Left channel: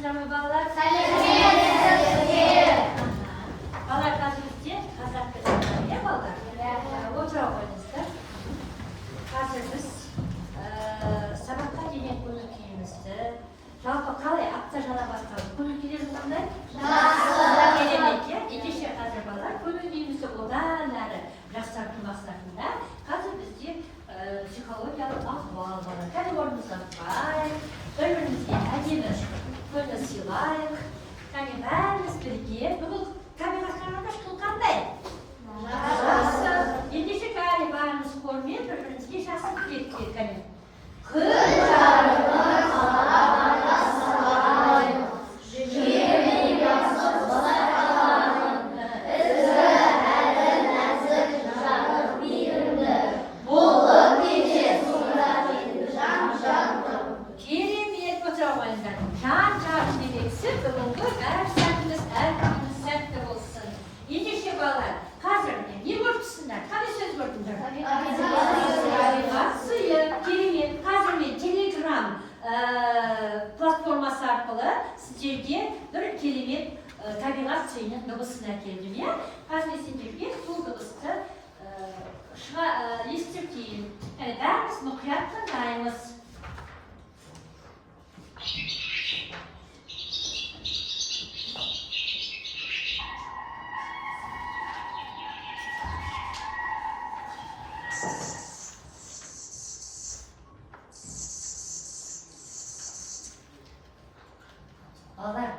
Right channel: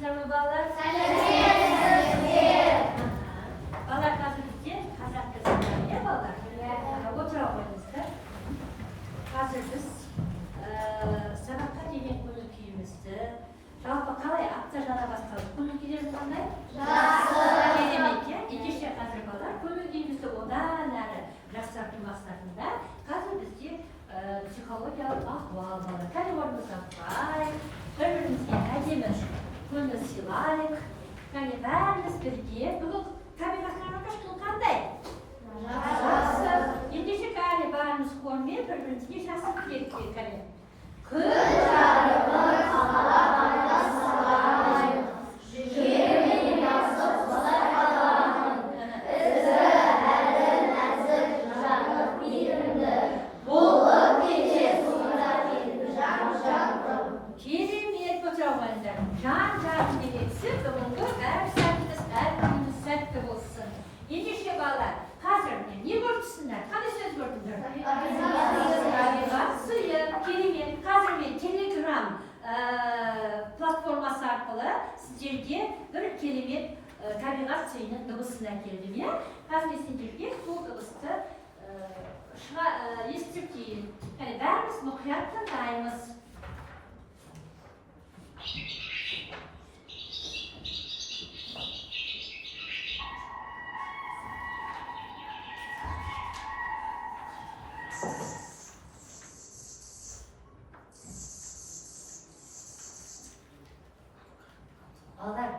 Salamatsızlar mı bağlar? Bağlar bazımızda Kazak kızlarına bağlar. Oturağımızda hazır biz sabahtan yemek bunu kiyimizdi. Жалпы қалай апта жана басталып көңіл күйіңіз қандай? Жақсы. Керемет, ендеше қазір балалар көңіл күйімізді одан әрі жақсарту мақсатында қазір бізде психологиялық ахуал бар. Кәдімгі орнымызға тұрайық, бір-бірімізге әдемі көңіл сыйлайық. Және бәріміз бірге бүгін табиғатқа күн қандай? Жақсы. Ендеше бәріміз хормен бір-бірімізге жақсы тілек тілейік. Күн жарығы қалағанда салайық, жігермен басып қалайық, ізгі әрі нәзік жарық мейірімді, болып кетер сұратен жан-жақтым. Керемет отыра қойыңдар. Жан-жағын берексіз, бүгінгі әр сәтіміз, әр күніміз сәтті болсын. Ендеше балалар, қазір не көрдіңіздер? Қандай сөз көрдіңдер? Табиғат сыйы. Керемет. Қазір мен Telegram платформасы арқылы сіздерге бір керемет табиғат сыйының дыбысын әкелдім. Қазір мен сендерге сол дыбысты естіріп кейін. Бәріміз мұқият тыңдаймыз. Балалар,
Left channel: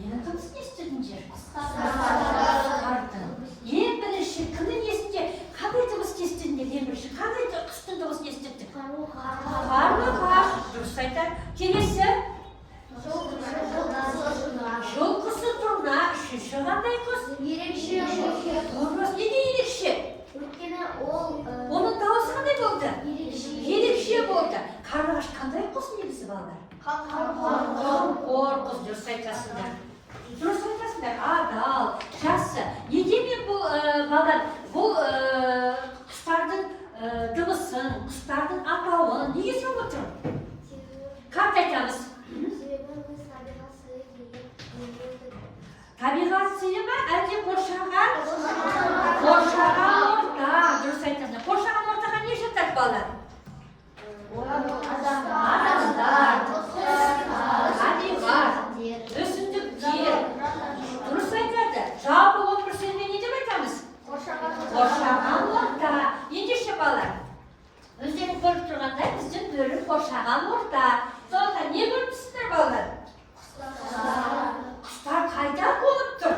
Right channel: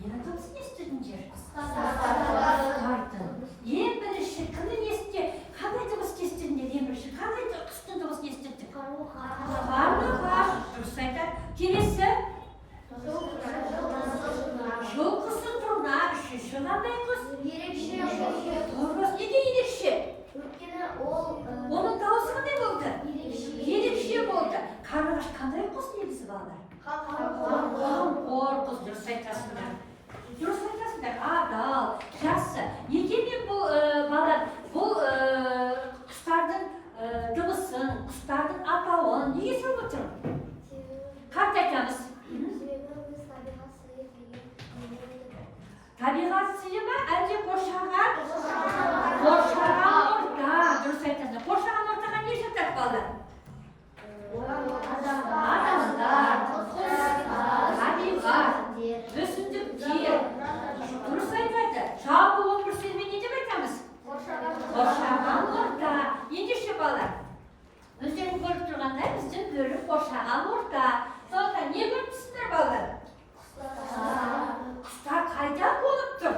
ненің дыбысын естідіңдер? Құстардың. Ең бірінші кімнің есінде қандай дыбысты естідіңдер? Ең бірінші қандай құстың дыбысын естідік? Қарлығаш. Дұрыс айтады. Келесі? Жылқысы тұрна. Үшінші қандай құс? Ерекше. Дұрыс. Неге ерекше? Өйткені ол оның дауысы қандай болды? ерекше болды. Қарлығаш қандай құс негізі балалар? Қамқор құс. Дұрыс айтасыңдар. Адал, жақсы. Неге мен бұл балалар, бұл құстардың дыбысын, құстардың атауын неге сөйлеп отырмын? Қатты айтамыз. Табиғат сыйы ма, әлде қоршаған? Қоршаған орта. Дұрыс айтасыңдар. Қоршаған ортаға не жатады балалар? Адамдар, табиғат, өсімдіктер. Дұрыс айтады. Жалпы он бір сөзбен не деп айтамыз? Қоршаған орта. Ендеше балалар, өздерің көріп тұрғандай біздің бөлім қоршаған орта. Сонда не көріп тұрсыңдар балалар? Құстар қайда болып тұр?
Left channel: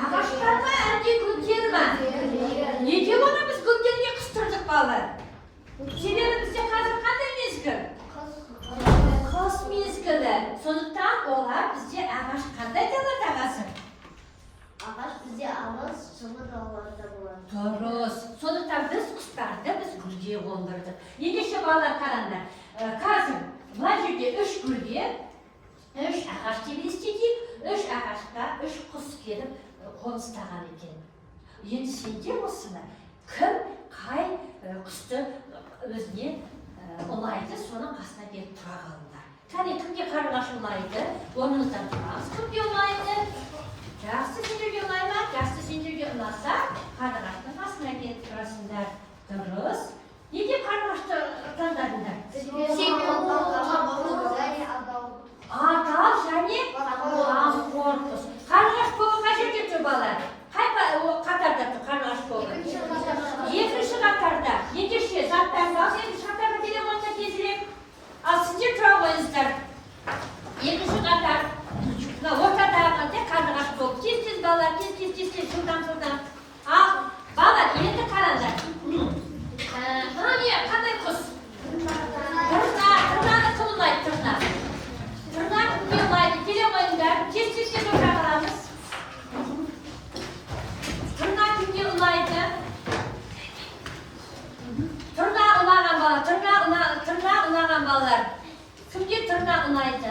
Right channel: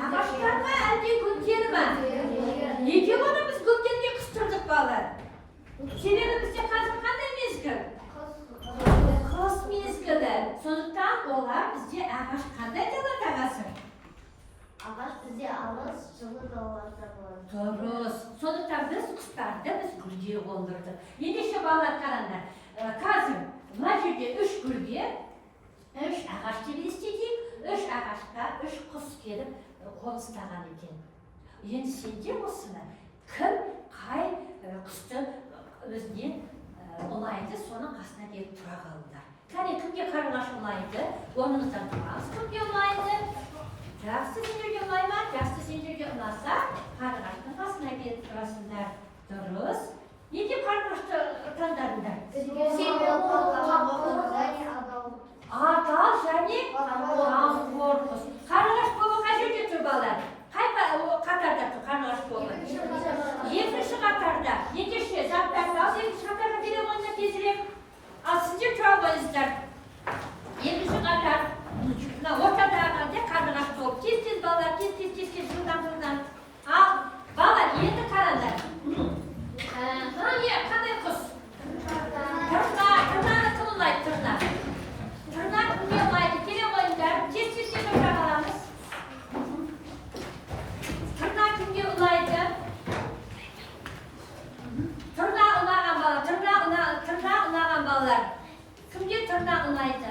Ағаштар ма, әлде гүлдер ма? Неге оны біз гүлдерге қыстырдық балалар? Себебі бізде қазір қандай мезгіл? Қыс мезгілі. Сондықтан олар бізде ағаш қандай далада қазір? ағаш бізде алыс, жылы далаларда болады. Дұрыс. Сондықтан біз құстарды біз гүлге қондырдық. Ендеше балалар қараңдар. Қазір мына жерде үш гүлге, үш ағаш деп елестетейік. Үш ағашқа үш құс келіп қоныстаған екен. Енді сендер осыны кім қай құсты өзіне ұнайды, соның қасына келіп тұра қалыңдар. Кәне кімге қарлығаш ұнайды? Орныңыздан тұрамыз. Кімге ұнайды? Жақсы сендерге ұнай ма? Жақсы сендерге ұнаса, қарлығаштың қасына келіп тұрасыңдар. Дұрыс. Неге қарлығашты таңдадыңдар? Адал және қамқор құс. Қарлығаш тобы қай жерде тұр балалар? Қай қатарда тұр қарлығаш тобы? Екінші қатарда. Ендеше заттарды ал, екінші қатарға келе қойыңдар тезірек. Ал сіздер тұра қойыңыздар. Екінші қатар. Ортада қарлығаш тобы. Тез балалар, тез, жылдам. Ал балалар, енді қараңдар. Мына не қандай құс? Тырнаны кім ұнайды? Тырна кімге ұнайды? Келе қойыңдар. Тез отыра қаламыз. Тырна кімге ұнайды? Тырна ұнаған балалар. Кімге тырна ұнайды?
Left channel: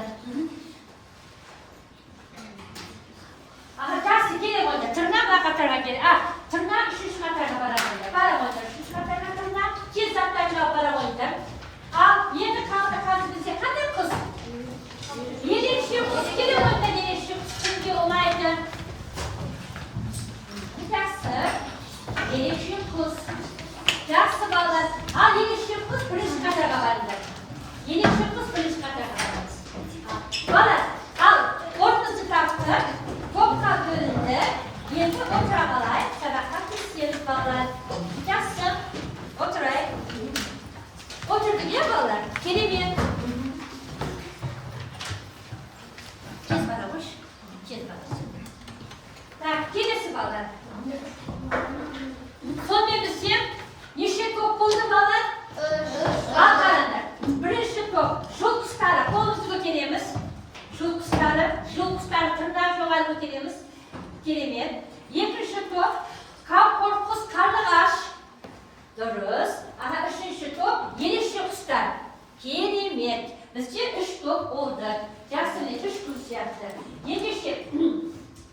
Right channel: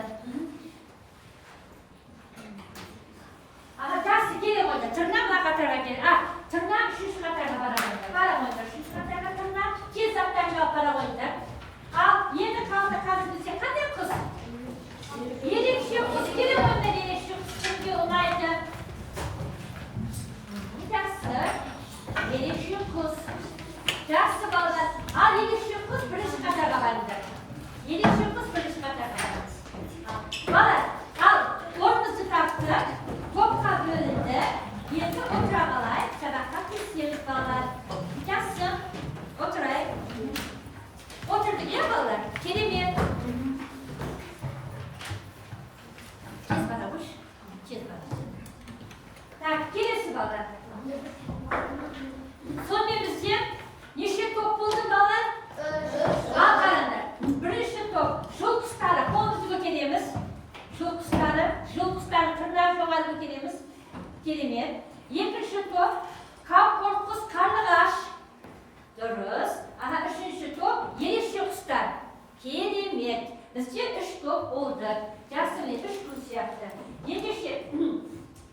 Жақсы, келе қойыңдар. Тырна мына қатарға келе. Тырна үшінші қатарға бара қойыңдар. Үшінші қатарға тырна. Тез заттарын алып бара қойыңдар. Ал енді қалды қазір бізде қандай құс? top. Şul kuşları kolumuzu götürüyoruz. Şul kuşları tırnağı çoğalı götürüyoruz. Kelimet. İkinci top. Kap korpus karlıgaş. Duruz. Ana üçüncü top. Yelişi kuşlar. Kelimet. Bizce 3 top oldu. Jasını 3 kuş yaptı. Yedişi.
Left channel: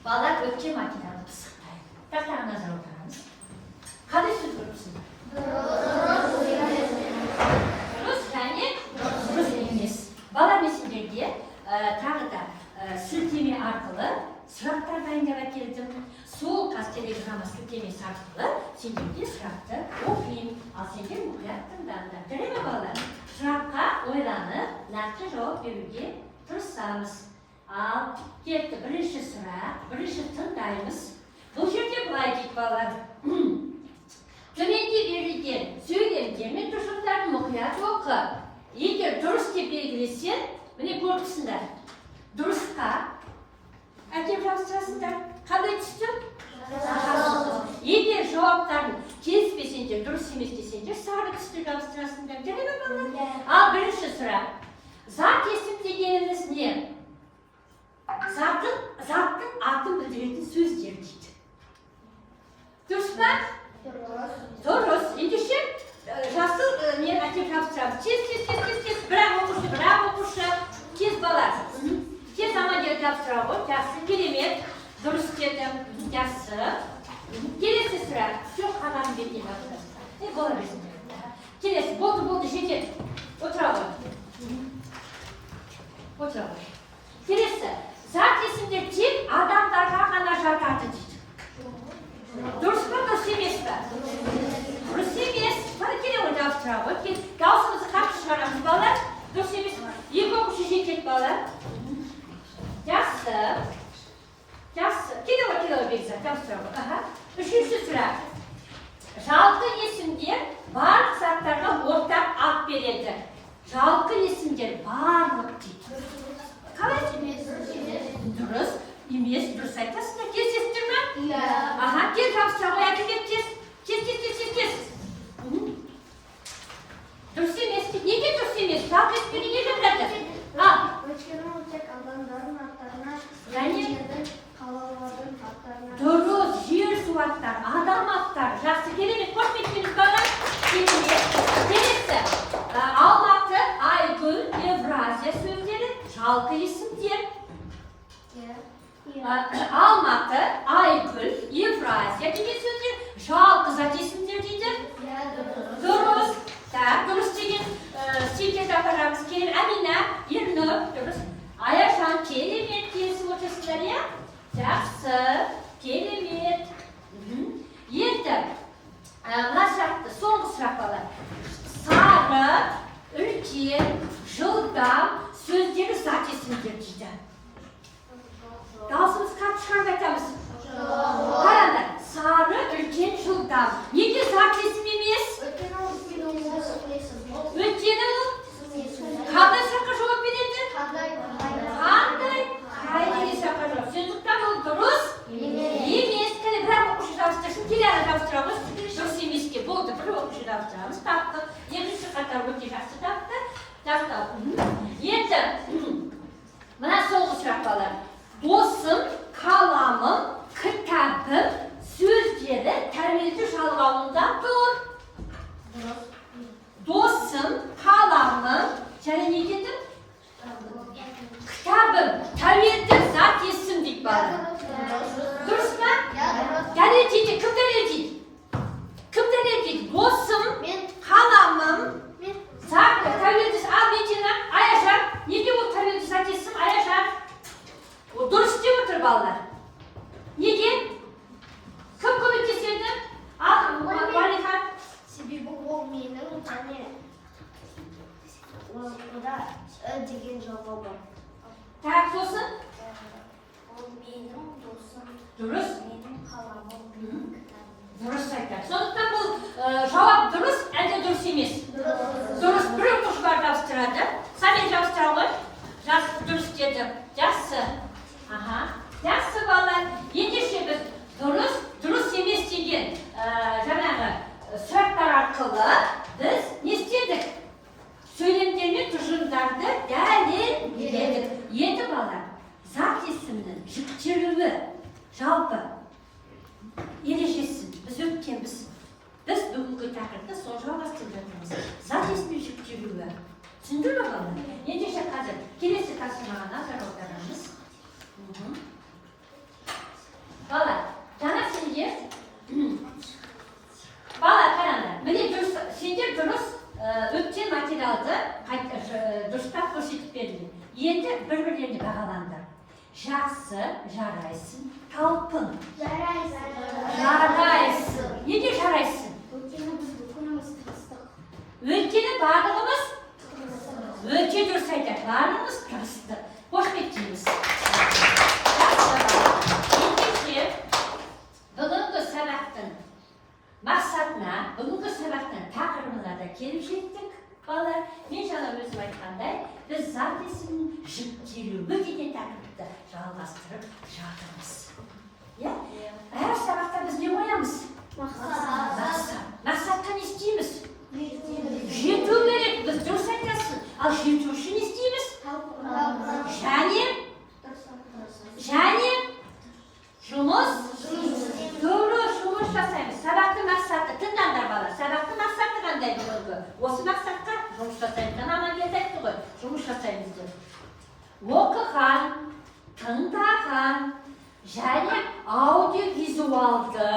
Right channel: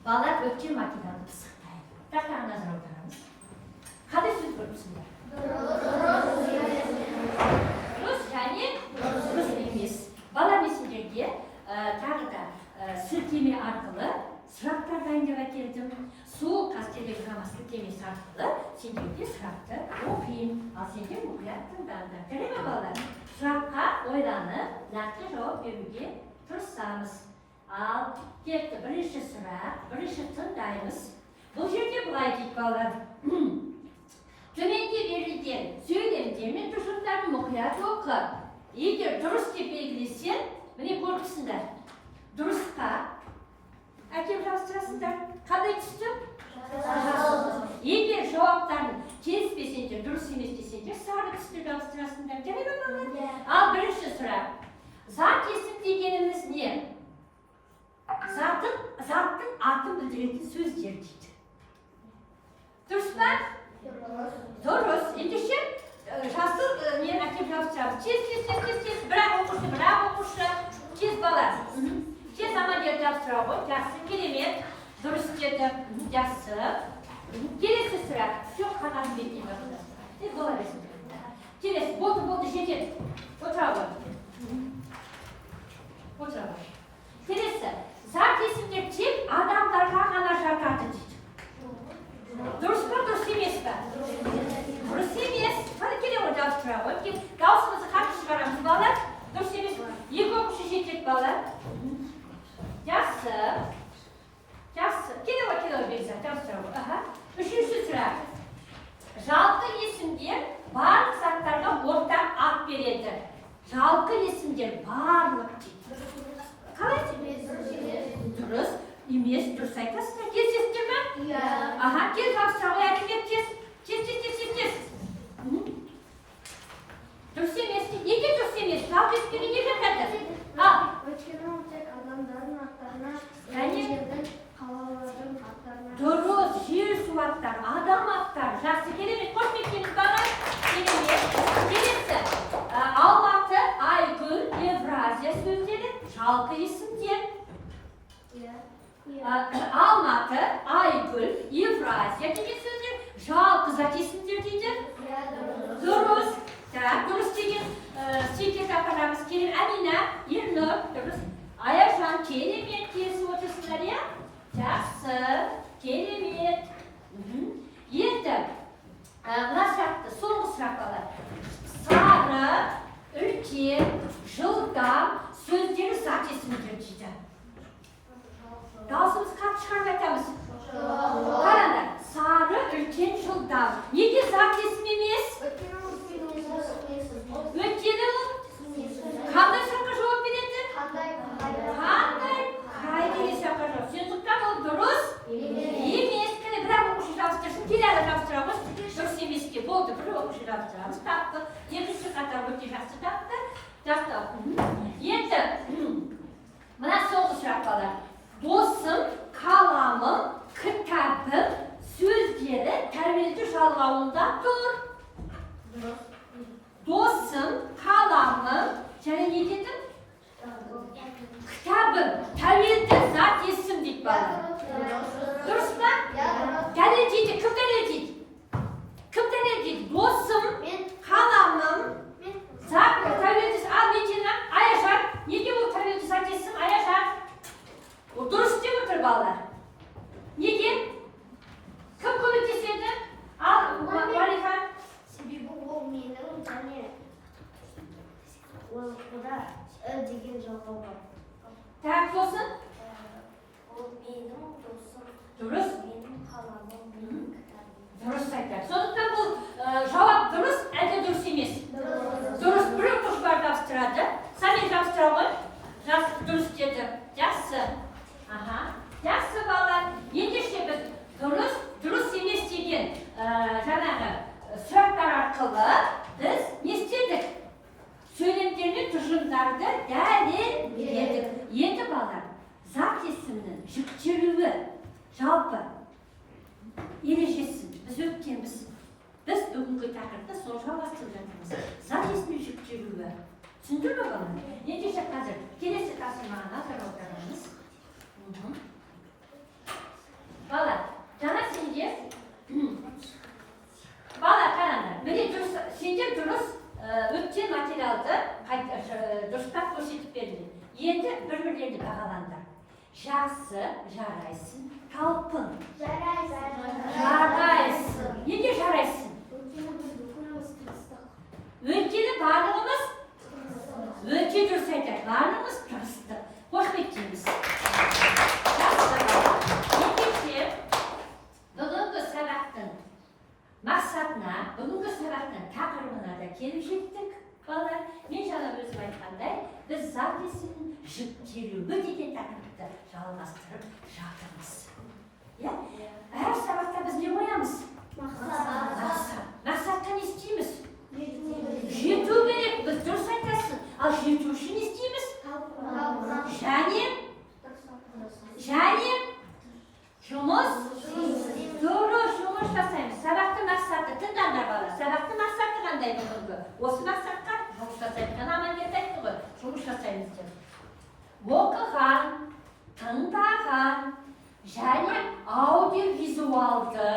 Balar ötke makinede pısıktaydı. Taklar nazar oturarız. Kadı söz görmüşsünler. Rus yani Rus eminiz. Balar nesindir diye tağı da silteme arkalı sıraklar dayanacak geldim. Soğuk az telegrama siltemesi arkalı siltemede sıraktı. Okuyayım. Asildir mutluyatım ben de. Deneme balar. Sırakka oylanıp nakli cevap verirge tırsamız. Al, gitti birinci sıra, birinci tındayımız. Bu жерде былай дейді балалар. Төменде берілген сөйлемдермен тұжырымдарды мұқият оқы. Егер дұрыс деп белгілесең, міне көрдіңсіңдер. Дұрысқа әкеп жабыстырасыңдар. Қандай түсті? Егер жауаптарын келіспесеңдер, дұрыс емес десеңдер, сары түсті жабыстырасыңдар. Değil mi балалар? Ал, бірінші сұрақ. Зат есім дегеніміз не? Zаттың атын білдіретін сөздер дейді. Дұрыс па? Дұрыс. Ендеше жасыл мен әкеп жабыстырамыз. Тез. Бірақ оқушы. Тез бала. Тез амандер жабыстыра ғой. Жақсы, керемет. Дұрыс деді. Жақсы. Келесі сұрақ. Жоқ, қағазын бетіне жабыстырамыз. Бола берсін. Келесі. Болды, жетеді. Отыра ғой. Келесі. Zat isimdir tip adamlarga ғана жатады дейді. Дұрыс па, дұрыс емес па? Дұрыс емес. Қане келе ғой жабыстыра ғой. Даусымызды қатты шығарамыз балалар. Дұрыс емес. Екі оқушы жетеді балалар. Жақсы. Келе ғой Бекзат, жабыстыра ғой. Үшінші сұрақ. Жалпы есімдер барлық заттарға ортақ ат береді. Жалпы есімдер барлық дейді. Қалай? Дұрыс, емес, дұрыс айтасыңдар. Кездестір ме? Иә. Аха, кел жабыстыра ғой, әкелеп кез. Дұрыс емес дейді. Неге дұрыс емес? Жалпы есімдерге не жатады? Өйткені ол тек адамдардың аттарына, жердің, қалалардың аттарына. Дұрыс, жер су аттар, адам аттар. Жақсы, керемет. Қош келдіңіз бала. Келесі. Алматы, Айгүл, Евразия сөздері жалпы есімдер. Алматы, Айгүл, Евразия деген сөздер жалпы зат есімдер дейді. Дұрыс. Дұрыс деген стильге тақырамыз. Әмина, Ернұр, дұрыс. Аяжан, керемет келісіп отырсыздар, иә? Жақсы, керемет. Енді, мына сұрақты, соңғы сұрақ балар. Сары, үлкен, жылдам сөздері зат есімдер дейді. Даусымыз қатты шығарып айтамыз. Қараңдар, сары, үлкен, жылдам. Неге зат есім емес? Өйткені ол қандай сұраққа жауап береді? Қандай? Қайда сұраққа жауап. Сондықтан ол дұрыс емес. Кәне бірақ оқушы жабыстырсын, келеді жабыстырамыз. Дұрыс емеске болды, бір оқушы жабыстырамыз. Тапты. Екінші қатар өте жақсы тапты. Енді мына соңғы сұрақ балар. Досым, қаламым, кітабым, сөздері тәрбиелі жалғауында тұр. Досым, қаламым, және не деді? Кітабым, тәуелді зат есім дейді бала. Дұрыс па? Дәлелдейді, кім дәлелдейді? Кім дәлелдейді? Досым, қаламым, зат, тәуелді зат, ал бетені, Аяжан, неге ол тәуелді зат есім, Аяжан? Ол дұрыс деп отыр балалар. Неге? Кім көмектеседі? Ал, Алихан. Себебі ол менің және ода деген жалға бар. Так, сосын? Ол менің досым. Дұрыс. Менің қаламым. Дұрыс айтады. Сондықтан бұл жауап дұрыс, әлде дұрыс емес? Дұрыс. Бір оқушы бар жабыстырады. Самен жабыстыра ғой. Дұрыс деді. Жақсы. Жақсы балалар. Ендеше біз дұрыс емес деген жаңағы сұрақтар арқылы біз не істедік? Сөйлемдер мен тұжырымдар жүктелуі, жалпы ережесі, біз өткенбіз. Біз бүгінгі тақырыпты сол жалғастырып жатырмыз. Зат есімнің жүктелуі. Түсіндір ме балалар? Ендеше қазір келесі тапсырмаға назар аударыңыз. Балалар, жаңа сендер қараңдар. Міне сендер дұрыс өткен материалды дұрыстап көрсетіп берді. Енді бір-бірлеріне бағалаңдар. Жақсы, жарайсың, талпын. Жарайсың. Неге жарайсың? Өйткені барлығымыз өте дұрыс айтады. Барлығымыз тырыстық. Қош кеттіңіз. Ендеше бүгінгі сабақтың мақсатына, бүгінгі сабақтың тақырыбына да келіп жеттік. Балалар, мен жаңа өзім айтқандай, біз зат есімнің жүктелуі деген тақырыпты жалғастырып жатырмыз. Әр сабақта біз не қоямыз? Мақсатқа не істейміз? Жету керек, біз дұрыс айтасың. Ал жету үшін не істейміз? Және жұмыс жасаймыз. Сабақтың мақсаты, тыңдаңдар балалар, сабақтың мақсаты қандай бүгінгі? Осы мақсатқа жұмыс жасаймыз. Аман келді айтты ғой, жұмыс жасаймыз деп. Оқыған, тыңдаған және аудиовизуалды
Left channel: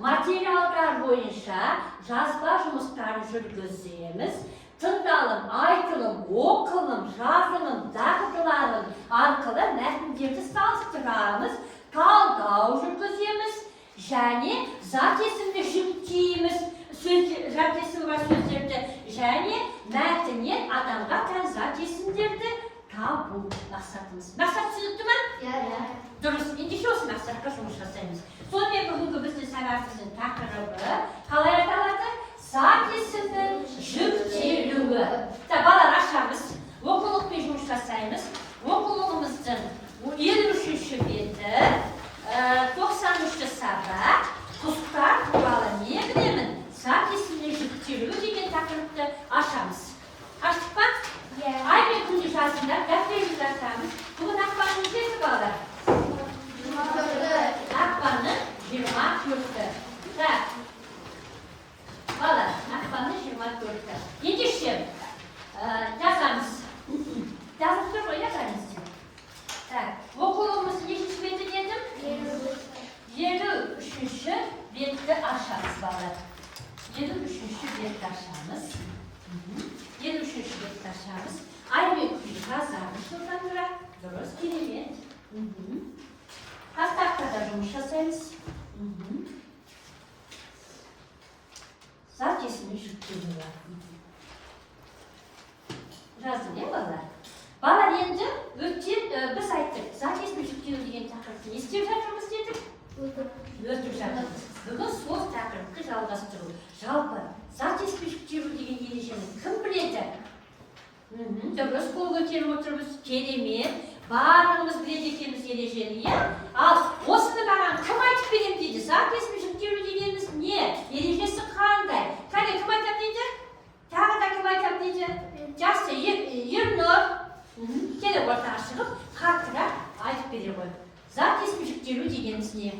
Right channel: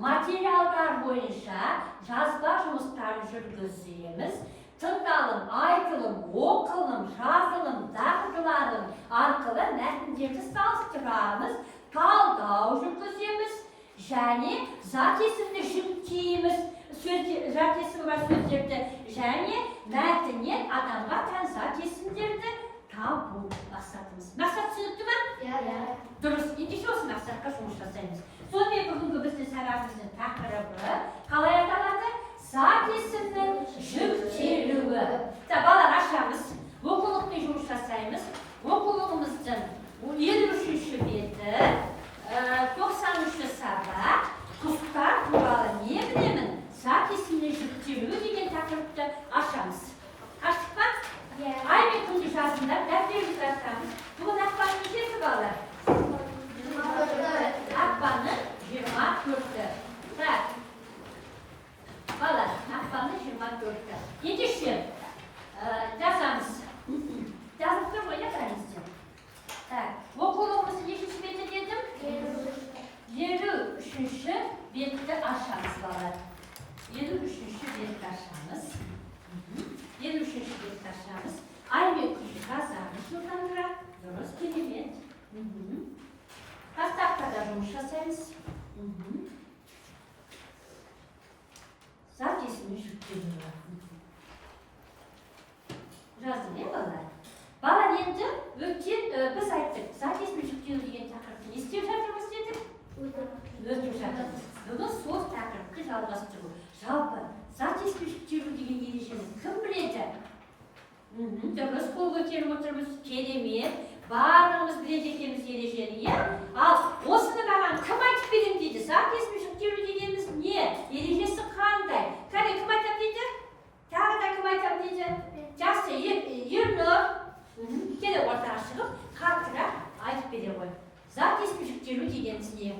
материалдар бойынша жазба жұмыстарын жүргіземіз. Тыңдалым, айтылым, оқылым, жазылым, дағдыларым арқылы мәтіндерді салыстырамыз, талдау жүргіземіз және зат есімді жүктейміз. Зат есімі бар сөздерді және мәтіннен адамға тән зат есімдерді табу мақсатымыз. Мақсат түсінікті ме? Дұрыс. Ендеше осы мақсатқа жұмыс жасаймыз. Сонымен бүгінгі біздің сабағымыздың тақырыбы қалай аталады? Зат есімнің жүктелуі. Балалар, ашамыз. Оқулықпен жұмыс жасаймыз. Оқулығымыздың 53-ші беті, 93-ші сабақ, құстар туралы не білемін? Зат есімнің жүктелуі деген тақырыпты ашамыз. Аштық па? Ай мен күнде жазыңдар, дәптерімізді ашамыз. Бүгін ақпанның несі балалар? Ақпанның 24-і. Балалар, ақпанның 24-і. Ендеше жазамыз. Жазып тұр ғой, бәрімізде. Оқулығымыз нешінші беті дедім? 53-ші бетті ашамыз балалар. 53-ші бетті ашамыз. 53-ші бетті ашамыз. Ай мен күнде жазамыз жылдамырақ. Дұрыс, керемет. Тақтақта жұмыс жасаймыз. Зат есімнің жүктелуі. Жаздым, не балалар? Балалар, енді өткен біз айттық. Зат есімнің жүктелуі деген тақырыпты не істеп жатырмыз дедік? Өтіп жатырмыз. Бүгін сол тақырыпты жалғастыру. Жалпы, зат есімнің жүктелуі деген ережені кім біледі? Дұрыс, қол көтеріп отырмыз. Керемет. Барлығымыз біледі екенбіз ережені, Ал осыны маған кім айтып берем дейді? Зат есімнің жүктелуі дегеніміз не? Ережесі қандай? Кәне, кім айтып дейді? Тағы да кім айтып дейді? Жақсы, Ернұр. Келіп ортаға шығып, қаттырақ айтып бере ғой. Зат есімнің жүктелуі дегеніміз не?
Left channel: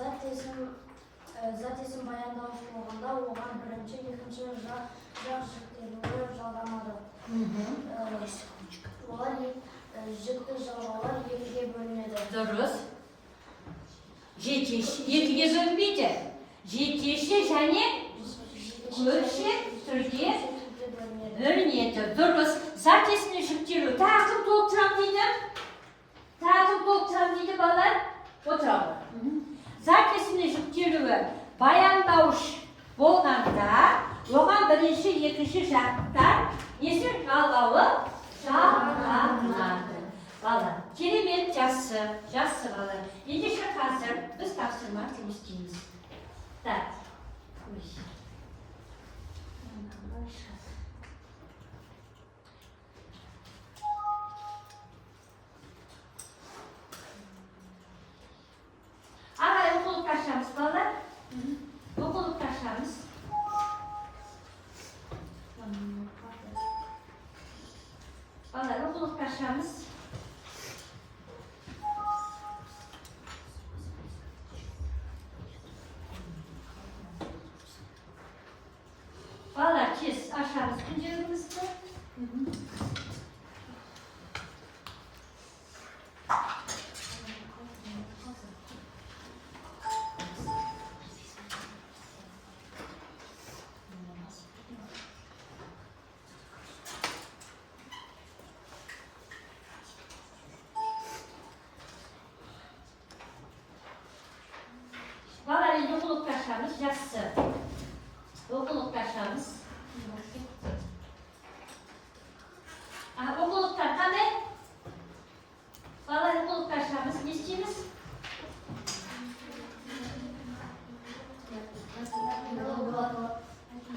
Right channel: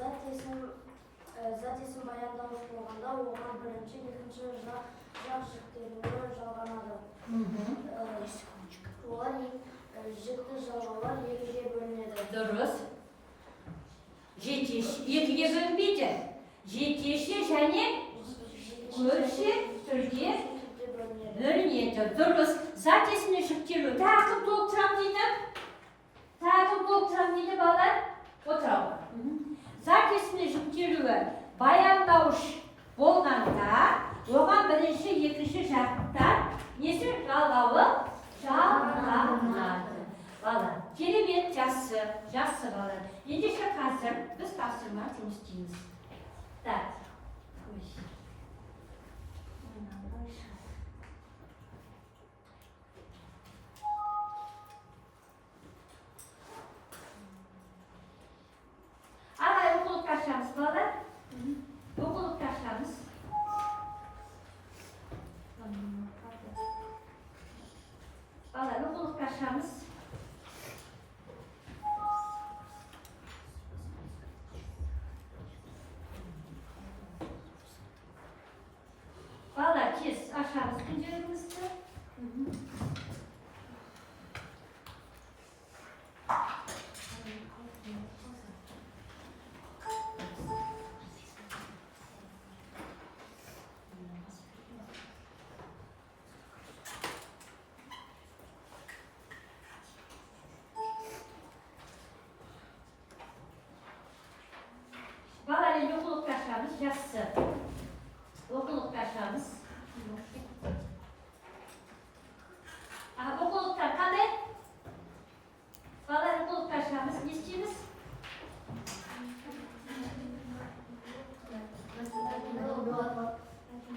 Зат есім баяндауыш болғанда оған бірінші, екінші жақ жүктелуі жалғанады. Олар жүкті жалғаулар екіге бөлінеді. Дұрыс. Екіге бөлінбейді. Жекеше және бөлшек түрге бөлінеді. Дұрыс. Зат есімнің жүктелуі. Тағы кім толықтырам дейді балалар? Отыралды. Зат есімнің жүктелуі баяндауыш болғанда оған бірінші, екінші жақтар несі жалғанады. Балалар, керемет, жақсы балалар. Ендеше қазір біз тапсырма жұмыстаймыз. Так. Ағай, оқулық ашамыз, балалар. Оқулық ашамыз. Балалар, оқулық ашамыз. Жақсы. Оқулықтаршамыз. Оқулықтар қандай? Бала оқулықтаршамыз не істейміз?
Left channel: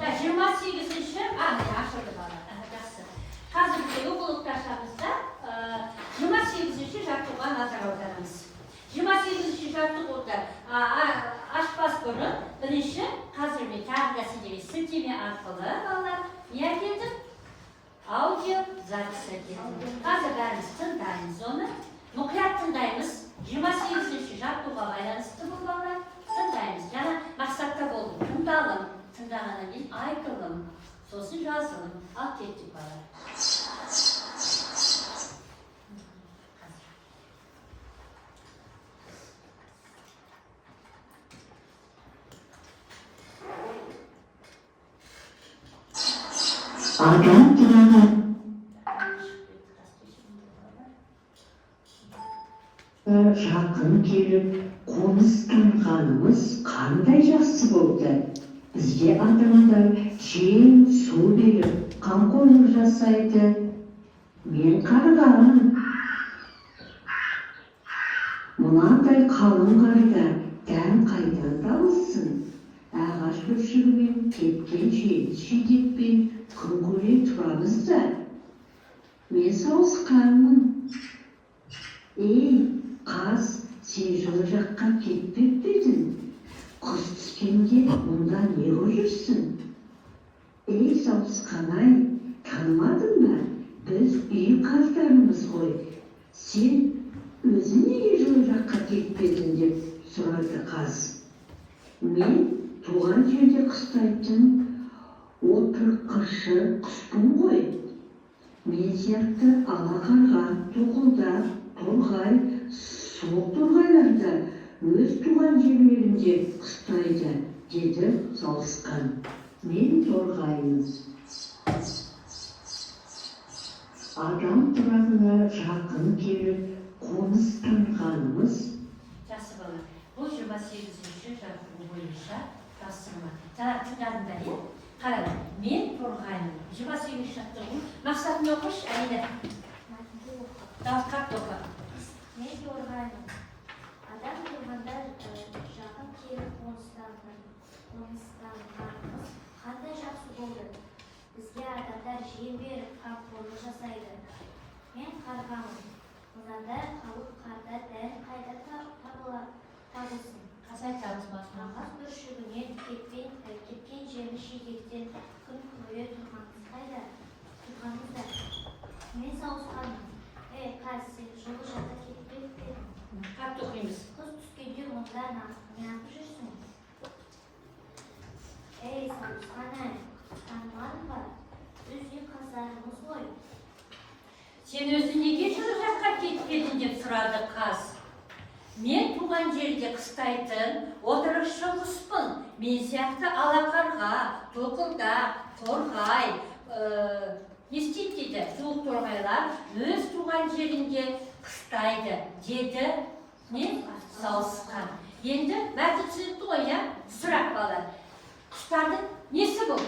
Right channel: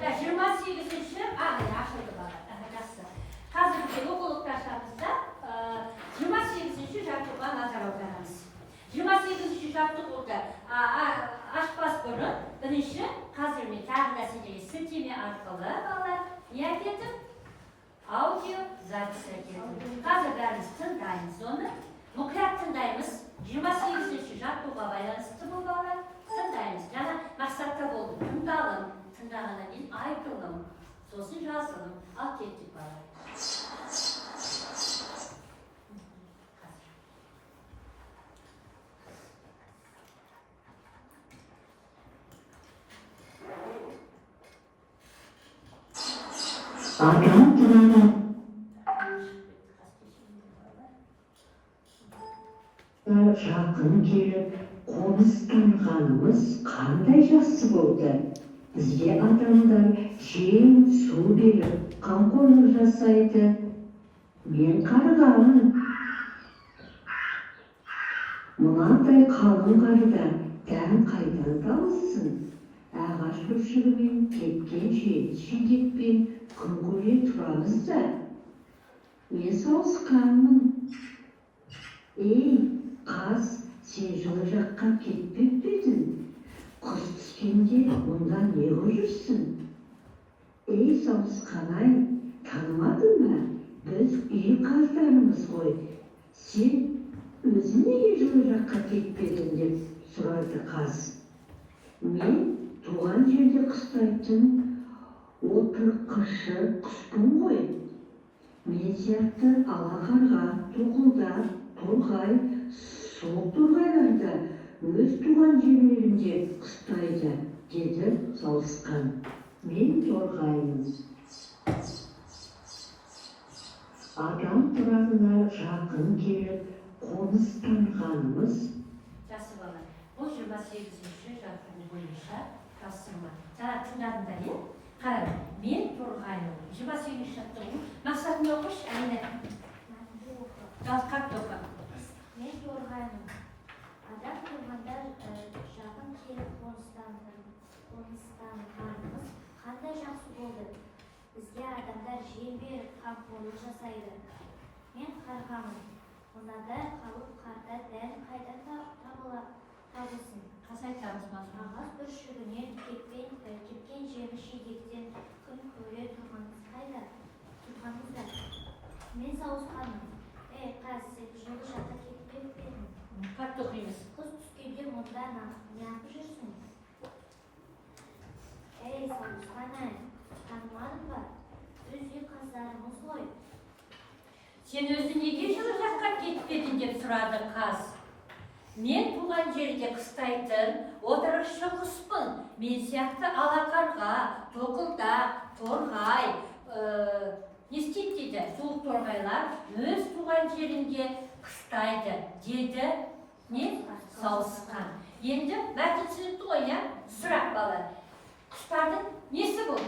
28-ші, ашылды бала. Жақсы. Қазіргі оқулықтаршамызда 28-ші жартуға назар аударамыз. 28-ші жартуға ашпас бұрын бірінші қазір мен тағы да сіздерге сілтеме арқылы балалар не әкелдім? Аудио запись әкелдім. Қазір бәріміз тыңдаймыз оны. Мұқият тыңдаймыз. 28-ші жартуға байланысты бұл балалар тыңдаймыз. Жаңа мақсатта болды. Тыңдағаннан кейін айтылым, сосын жазылым. Ал кеттік балалар. Адам туралы жақын келіп қоныстанғанымыз қандай жақсы болды. Бізге адамдар жем, су беріп, қамқорлық жасайды. Мен қарғамын. Мынадай қалың қарда дән қайдан табылсын? Ағаш бүршігімен, кеткен жидекпен күн көре тұрамыз да. Мен сауысқанмын. Ей, қаз, сен жылы жаққа кетпеп бедің. Құс түскенде мұнда не көрірсің? Ей, сауысқан-ай, танымадың ба? Біз үй қаздарымыз ғой. Сен өзің неге жылы жаққа кетпедің деп сұрады қаз. Мен туған жерде қыстайтын отырқышы құспын ғой. Мен сияқты алақарға, тоқылдақ, торғай, суық торғайларда өз туған жерлерінде қыстайды, деді сауысқан. Мен торғаймыз. Адам тұрағына жақын келіп қоныстанғанымыз. Жақсы бала. Бұл 28-ші жарту бойынша тапсырма. Тыңдадыңдар, иә? Қарай, мен торғаймын. 28-ші жаттығу. Мақсатын оқыш, Әлина. Дауысқақ тоқы. Мен торғаймын. Адам тұрғанда жақын келіп қоныстанғанымыз қандай жақсы болды. Бізге адамдар жем беріп, қамқорлық жасайды. Мен қарғамын. Мынадай қалып қарда дән қайда табылсын? Қасай табыз басына. Ағаш бүршігінен кеткен жеміс жидектен күн көре тұрғанымыз қайда? Тұрғанымызда. Мен сауысқанмын. Ей, қаз, сен жылы жаққа кетпеп едің. Қатты оқимыз. Құс түскенде мұнда неғып жүрсің? Ей, сауысқан-ай, танымадың ба? Біз үй қаздарымыз ғой. Сен өзі неге жылы жаққа кетпедің деп сұрады қаз. Мен туған жерде қыстайтын отырықшы құспын. Мен сияқты алақарға, тоқылдақ, торғай, не істейді дейді, суық торғайлар өз туған жерінде қыстайды, деді сауысқан. Енді мәтін түсінікті ғой, иә? Сұрақ бала. Құстардың несі бұл?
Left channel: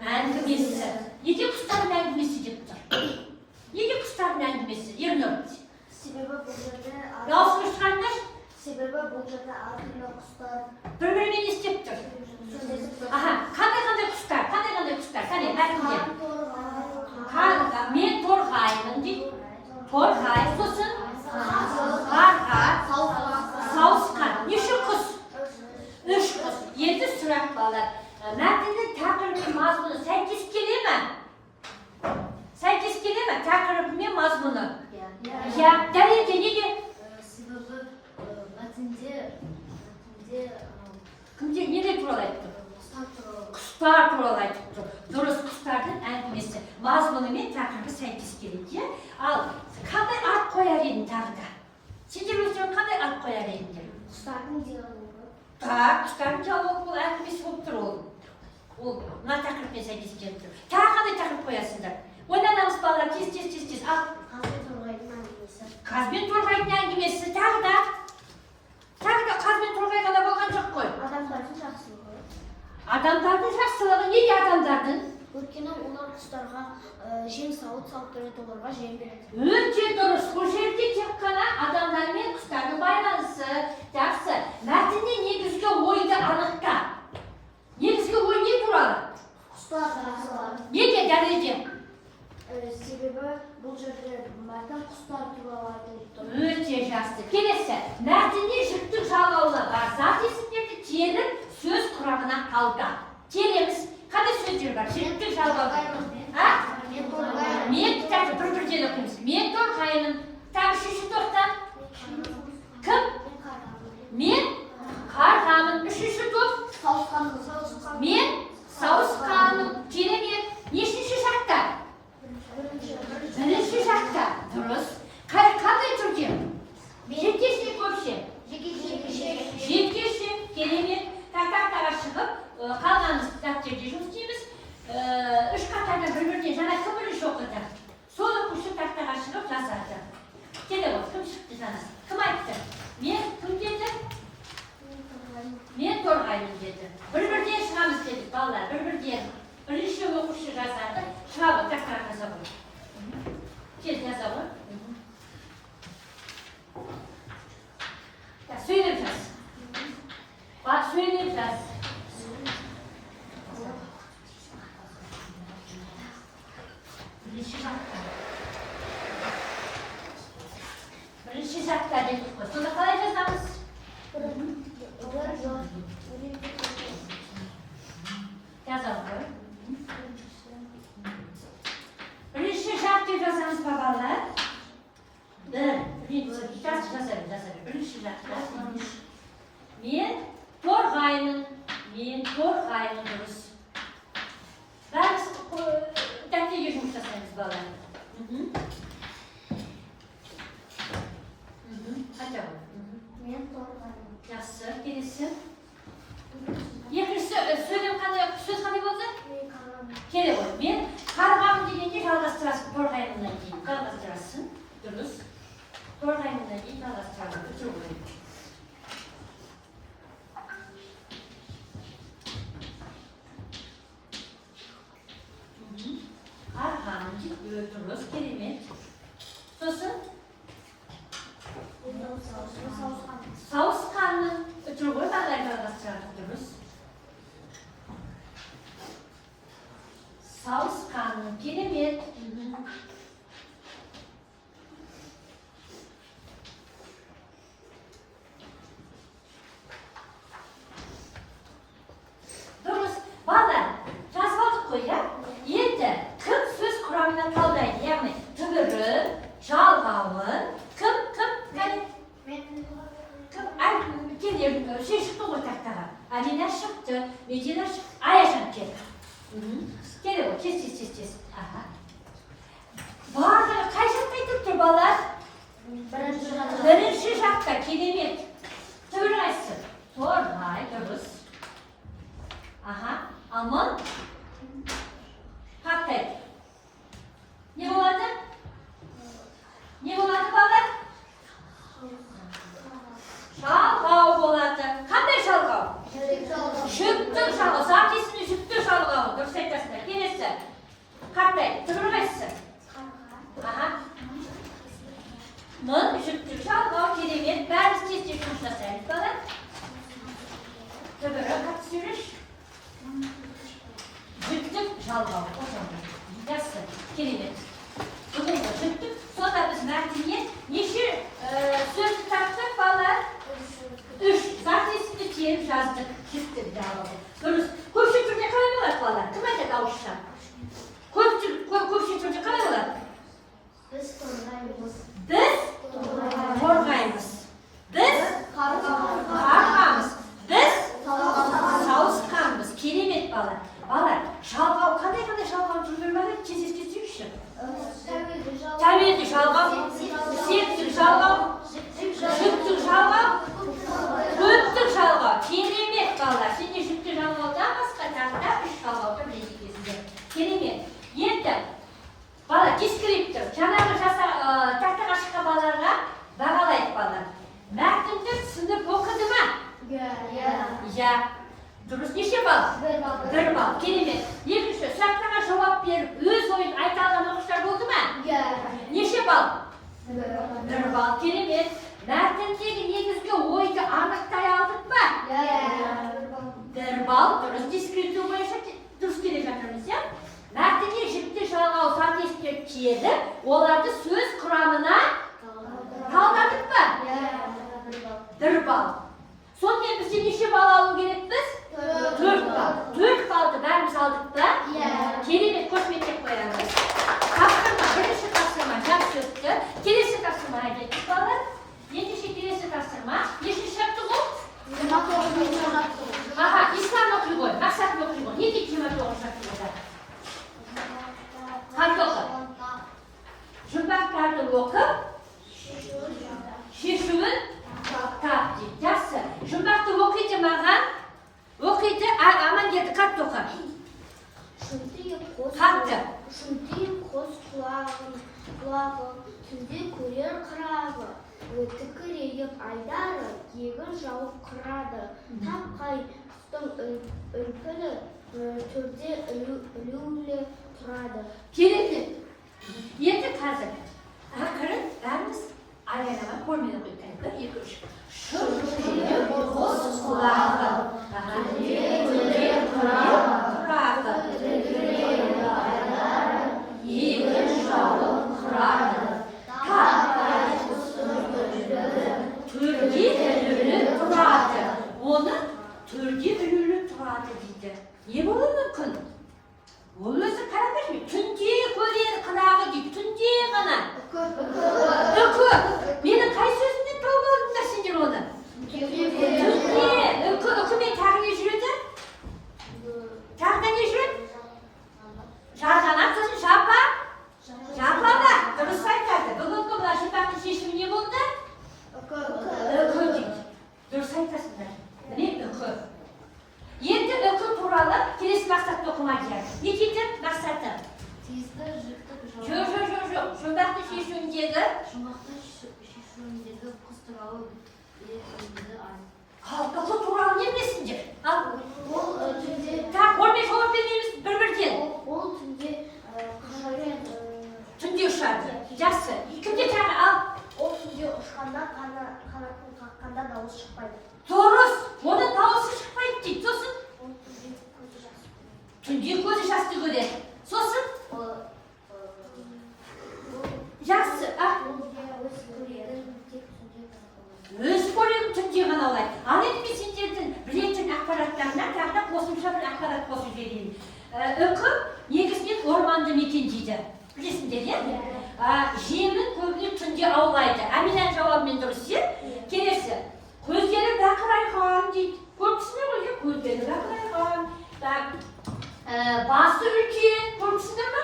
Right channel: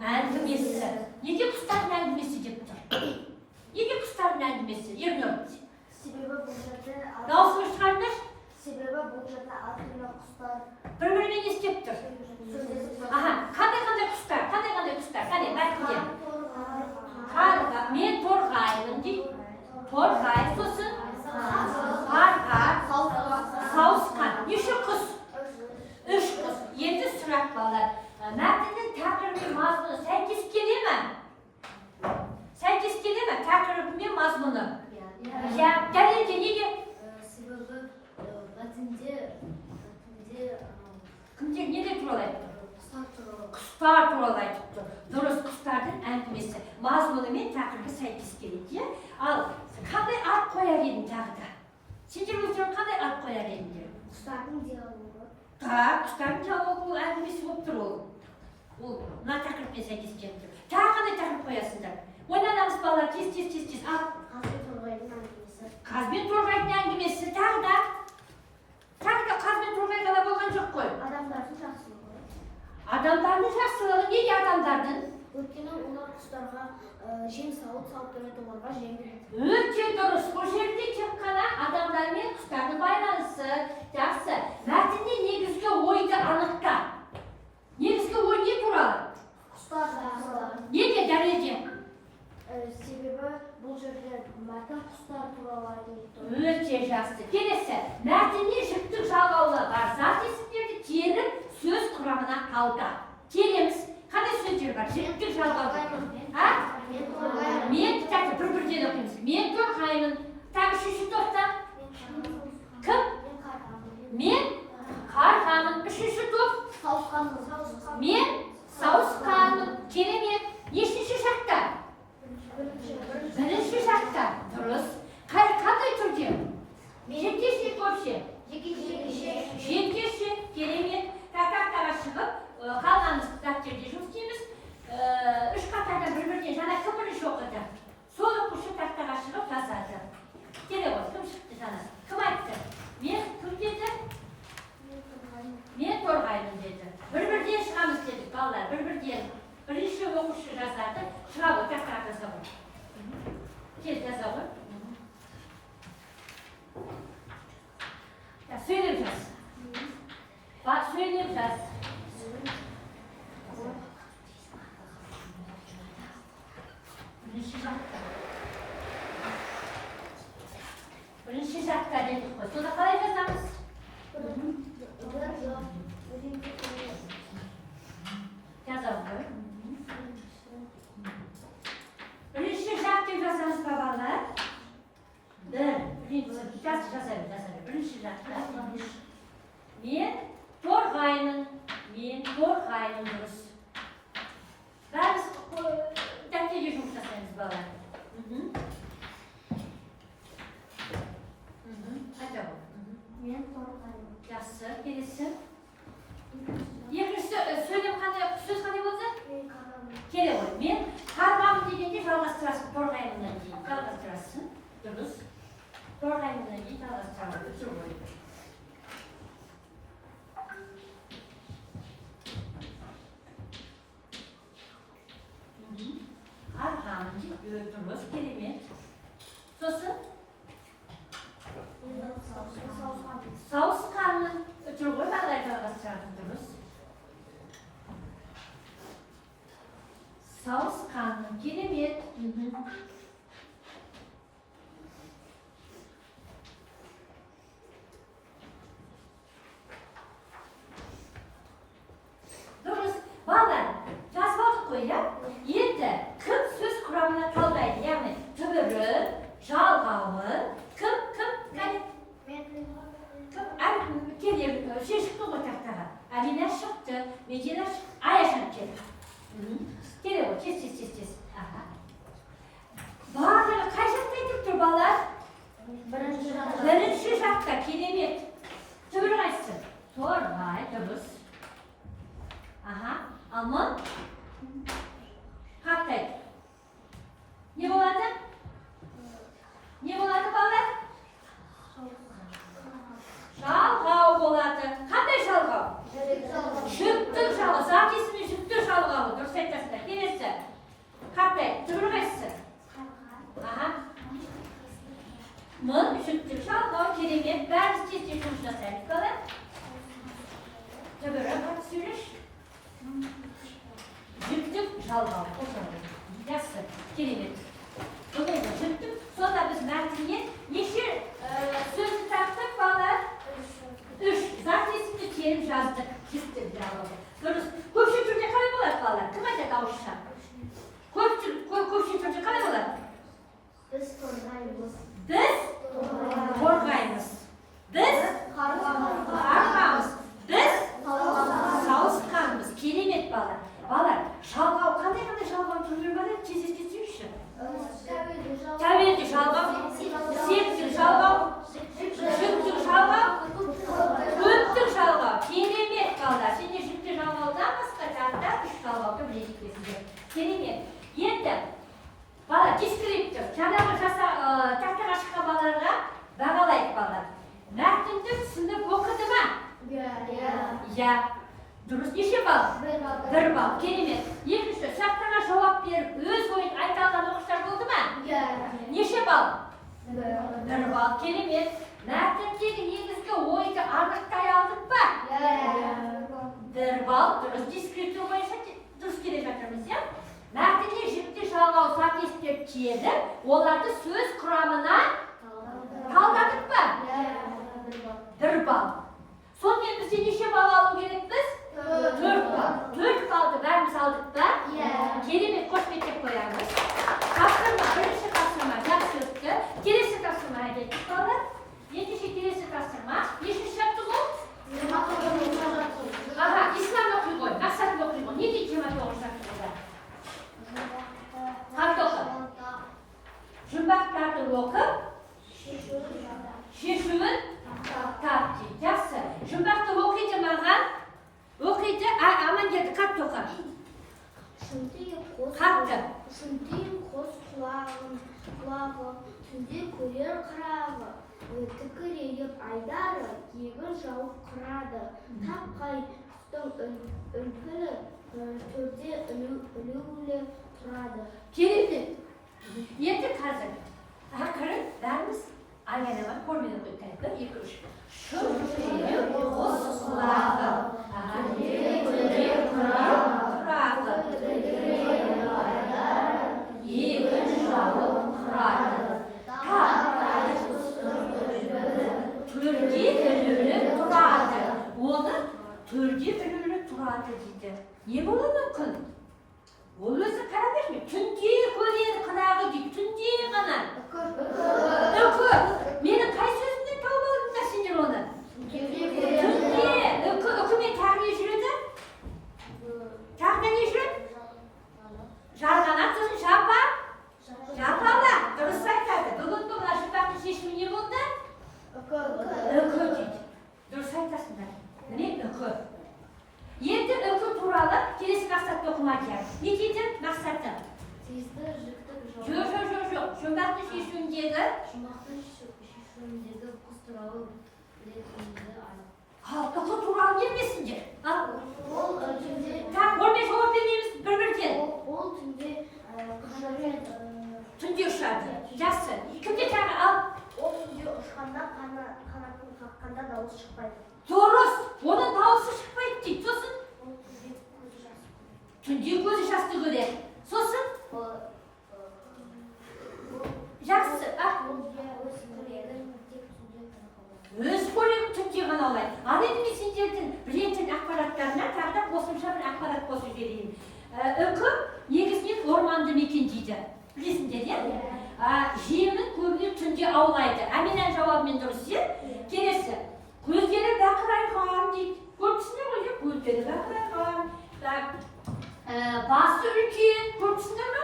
Әңгімесі. Неге құстардың әңгімесі деп тұр? Неге құстардың әңгімесі? Ернұр. Себебі бұл жерде Дауысыңыз шығарыңдар. әртүрлі құстар Бір-бірімен не істеп тұр? Қандай құстар? Қане, әкімдер. Мен торғаймын дейді. Торғай, сосын қарға, сауысқан. Неше құс? 3 құс. Енді сұрақ балалар. Мәтіннің тақырыбы мазмұны сәйкес келе ме? Сәйкес келе ме? Тақырыбы мен мазмұны? Я, дәлелде неге? Себебі мәтінде Кімдер неде туралы айтты? құстар туралы. Құстар туралы айтты. Дұрыс, құстардың әңгімесі. Мазмұны мен тақырыбы сәйкес келеді. Ал қандай ат қояр едің тағы да? Сендер өздерің қандай ат қояр едіңдер? құстардың диалогы. Құстардың диалогы бұл әңгімесі болып тұр ол. Ол мына тақырыппен сәйкес келіп тұр. Тағы қандай тақырып қоясыңдар? Ойланамыз балалар, тез. Ал қаз бен торғайдың әңгімесі тағы да қаз бен торғай ғана болған жоқ қой. Адамдардың жақсы жем салып береді, оларға жем береді. Өте дұрыс. Бұл жерде тек қана адамдар мен құстардың байланысы. Жақсы. Мәтінде негізгі ойды анықта. Негізгі ой не туралы? Құстар туралы. Неге дәлелде? Себебі бұл жерде мәтін құстар туралы айтылып тұр. Өте жақсы. Келесі. Мәтінде жіктің жалғаулы бар зат есімдерді теріп сөз құрамына қалды. Тереміз. Қандай сөздер бар? Жіктің жалғаулы. Мен кітапты бір-бірден оқимыз. Мен торғаймын. Тағы үшінші тоқта. Кім? Мен қарғамын. Үшінші тоқ. Мен сауысқаным. Керемет. Нешінші шақта? Бірінші шақта. Дұрыс. Қандай түрде? Жекеше көпше? Жекеше. Керемет. Тақтақтарға шығып, қалғанымыз дәптерде жұмыс істейміз. Үш қатардан бір-бірден жаңа кім бірінші оқыды? Сол оқушы тақтаға шығып жазады. Келе ғой, кім шықты жаңасы? Кім айтты? Мен кім деді? Мен торғаймын деді. Бір-бірден шығамыз дедік, балалар, бір-бірден. Бірінші оқушы жазады, шыға ғой, тақтаға жаза ғой. Кел, жаза ғой. Сөйлеп жаз. Бak, söyleyeyim biraz. Birinci şartta dedik koy. Sonra kalay yazamız. Yazalım koy. Birinci şartta yazamız babalar. Birinci şartta yazarım. Birinci şartta. Men торғаймын дұрыс. Бәріміз дәптерге жұмыс жасаймыз балалар. Қанша бол? Мен торғаймын. Жақсы, келесі. Екінші сөз қандай болды? Келе ғой. Мен қарғамын дегенде жалғастырасың торғаймынан кейін. Жалғастырасың. Дұрыс. Торғаймынан кейін жалғастырасың. Өтір ғой. Durduruz, kelime. Sosu? Sağıskanın ötürü koy, baklayacağız durduruz. Sağıskanın kelime. Duruz, bağlar. Yazmadık koy ya. Yetti. Kım söz kuramına kaldaydı. Yani tıbırı, çalgavı, kım, yani kım, ay, geliyor, şey çıktı o taktağa. Aliler çıktı, Meciler çıktı, Ayaşan geldi. Geliyor, kes. Bağırdı, kaç şaktaydı turbalar? Birinci şakta, kelimet. Tıbırı açsın. Torbay, dürüz. Ama Hakkaydı. Ne oladı? Ne oladı babalar? Şalgav oladı. Qanday şalgav? Şüktür şalgav. Zatesini şüktür şalgav. Dürüst aytasыздар. Kelesi. Qanday? Tıbırı qaysisi? Mın, şüktür şalgav, kelime. Bәріміз тез-тез жұмыс жасаймыз балалар. Tıbırı қатты сөйлеш. Жүктік жалғау. Жақсы, керемет. Бұндай жүктік. Сонда біз мәтінге неше сөзді таптық балалар? 3. Зат есімді теріп жаздық. Жүктік жалғау. Дұрыс. Көпші түрде қалай болады балалар? Кім айтады ауызша? Көпші түрде қалай болады? Біз торғаймыз. Біз торғаймыз. Біз қарғамыз. Біз сауысқанбыз. Керемет балалар. Балалар, жалғау, қандай жалғау түрмен бар еді? Тез естесеңізші. Тәуелді жалғау, септік жалғау, жүктік жалғау, көптік жалғау. Керемет балалар. Сенде жүктік жалғаудан басқа тағы 3 жалғауды білесіздер. Керемет. Енді, бала дескриптор. Жаңағы тақтаға шыққан балаларға бағалайды балалар. Мәтінді түсіндіріп оқыды ма? Иә. Дұрыс, неше балл? 1 балл. Керемет. Екінші, сұрақтарға жауап беріп, өз ойын айта сөйлеп келді. Оларды сөз құрамына талдадық па? Бір балл. Сонымен бізде неше балл алу керекпіз? 4 балл. 4 баллды бәріміз алдық па? Керемет, қошеметтеп қоямыз. Тапсырма, бірінші тапсырма жақсы өтті. Келесі тапсырмаға кеттік балалар. Ендеше келесі тапсырма. Нешінші шарты бұл? Аха, ислам оқи ғой, мақсат оқи ғой. Неге 29 шарты болды? Қанды оқып? Жұмбақтарды оқып, шешуін тап дейді. Жақсы. Жұмбақты оқиды маған. Оқиды, Амангелді қатты оқып. Қатты. Шынтиып қос құлағы, түнде көрер қырағы, тікірейіп айдары, егір жауып қырады. Тапқай құстың үлпілі, төрде ілулі тұрады. Керемет. Енді қазір ақырын бәріміз айғайлаған формені қойып бір, екі, үш. Шынтиып қос құлағы, түнде қырағы, егір жауып қырады. Төрде ілулі тұрады. Оны төрде ілулі тұрады дейді. Не болуы мүмкін? Ол өзі қарап жүрме. Түнде көрер қырағы дейді. Түнде ғана. Үкі. Менің қай сөзімнен тауып алдыңдар сендер оны? Түнде. Үкімен тағы не жүреді? Тағы да не жүреді? Жарғанат сөзін жапа. Жапа. Дұрыс айтады. Бүгінгі мына жұмбақтың шешімі не болды? Үкі дейді. Дұрыс айтасыңдар. Міне үкі. Енді үкі туралы келесі мақсатты оқымайды. Не дейді мақсаты? Тиісті жүктік Жоқ. Жұмбақты шешуіндегі құс туралы білетінді үкі туралы не білесіңдер? Ол түнде Онымен жауап береміз бір-бірден. Ол түнде Түнде ұшады. Жақсы. Кімде тағы ал? Ол түнде ұшқанда қанатын қаққанда дауыс шықпайды. Дұрыс. Оның дауысы шықпайды дейді. Сосын? Ол түнде көзі жас. Түнде көзі жасты көреді. Сосын? Жақсы. Өз көрегін түнде ғана алайды. Ал енді мен сендердің білетін ақпараттарына тағы да қосымша бір ақпарат қосып жіберейін. Үкі негізінен орманды мекендейді. Білесіңдер, иә? Жемін көбіне түнде аулайды. Әминән жауабымен дұрыс, иә? Келесі. Көздері бақырайған дейді. Көргісіңдер ғой, көздері бақырайған. Басы үлкен. Көргісіңдер ме?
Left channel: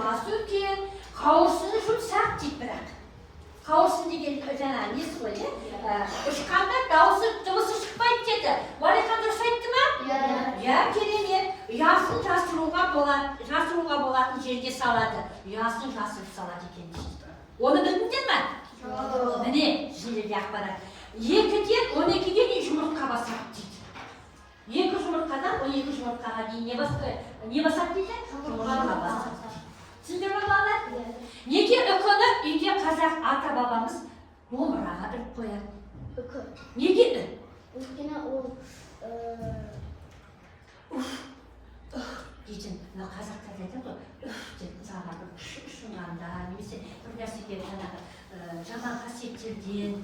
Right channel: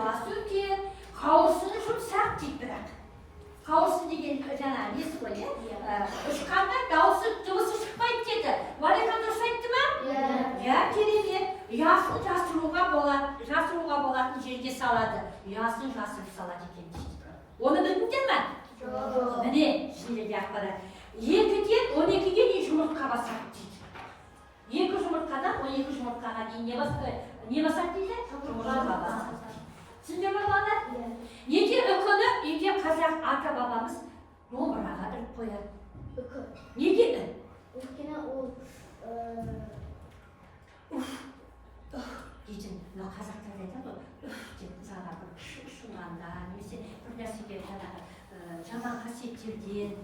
Басы үлкен. Қауырсыны жұмсақ дейді бірақ. Қауырсын деген жаңа несі ғой, ұшқанда дыбысы шықпайды деді. Валихан дұрыс айтты ма? Иә, керемет. Ұясын жасыруға болатын жерге салады. Ұясын жасырып салады екен дейді. Оны білдіңдер ме? Міне, жерлерде ақпарат. 2-ден 12-ге дейін жұмыртқа басады дейді. 2 жұмыртқадан 12 жұмыртқаға дейін не басады дейді? Жұмыртқа басады. Түсіндер ме балалар? Неге үкіні үйге қазақ ата-бабамыз домбыраға іліп қояды? Үкі. Неге ү? Өйткені ол дейтін, қазақтар айтады ғой, деп мысалға шұңғанда, немесе бір нәрсеге жаман қасиеттерден,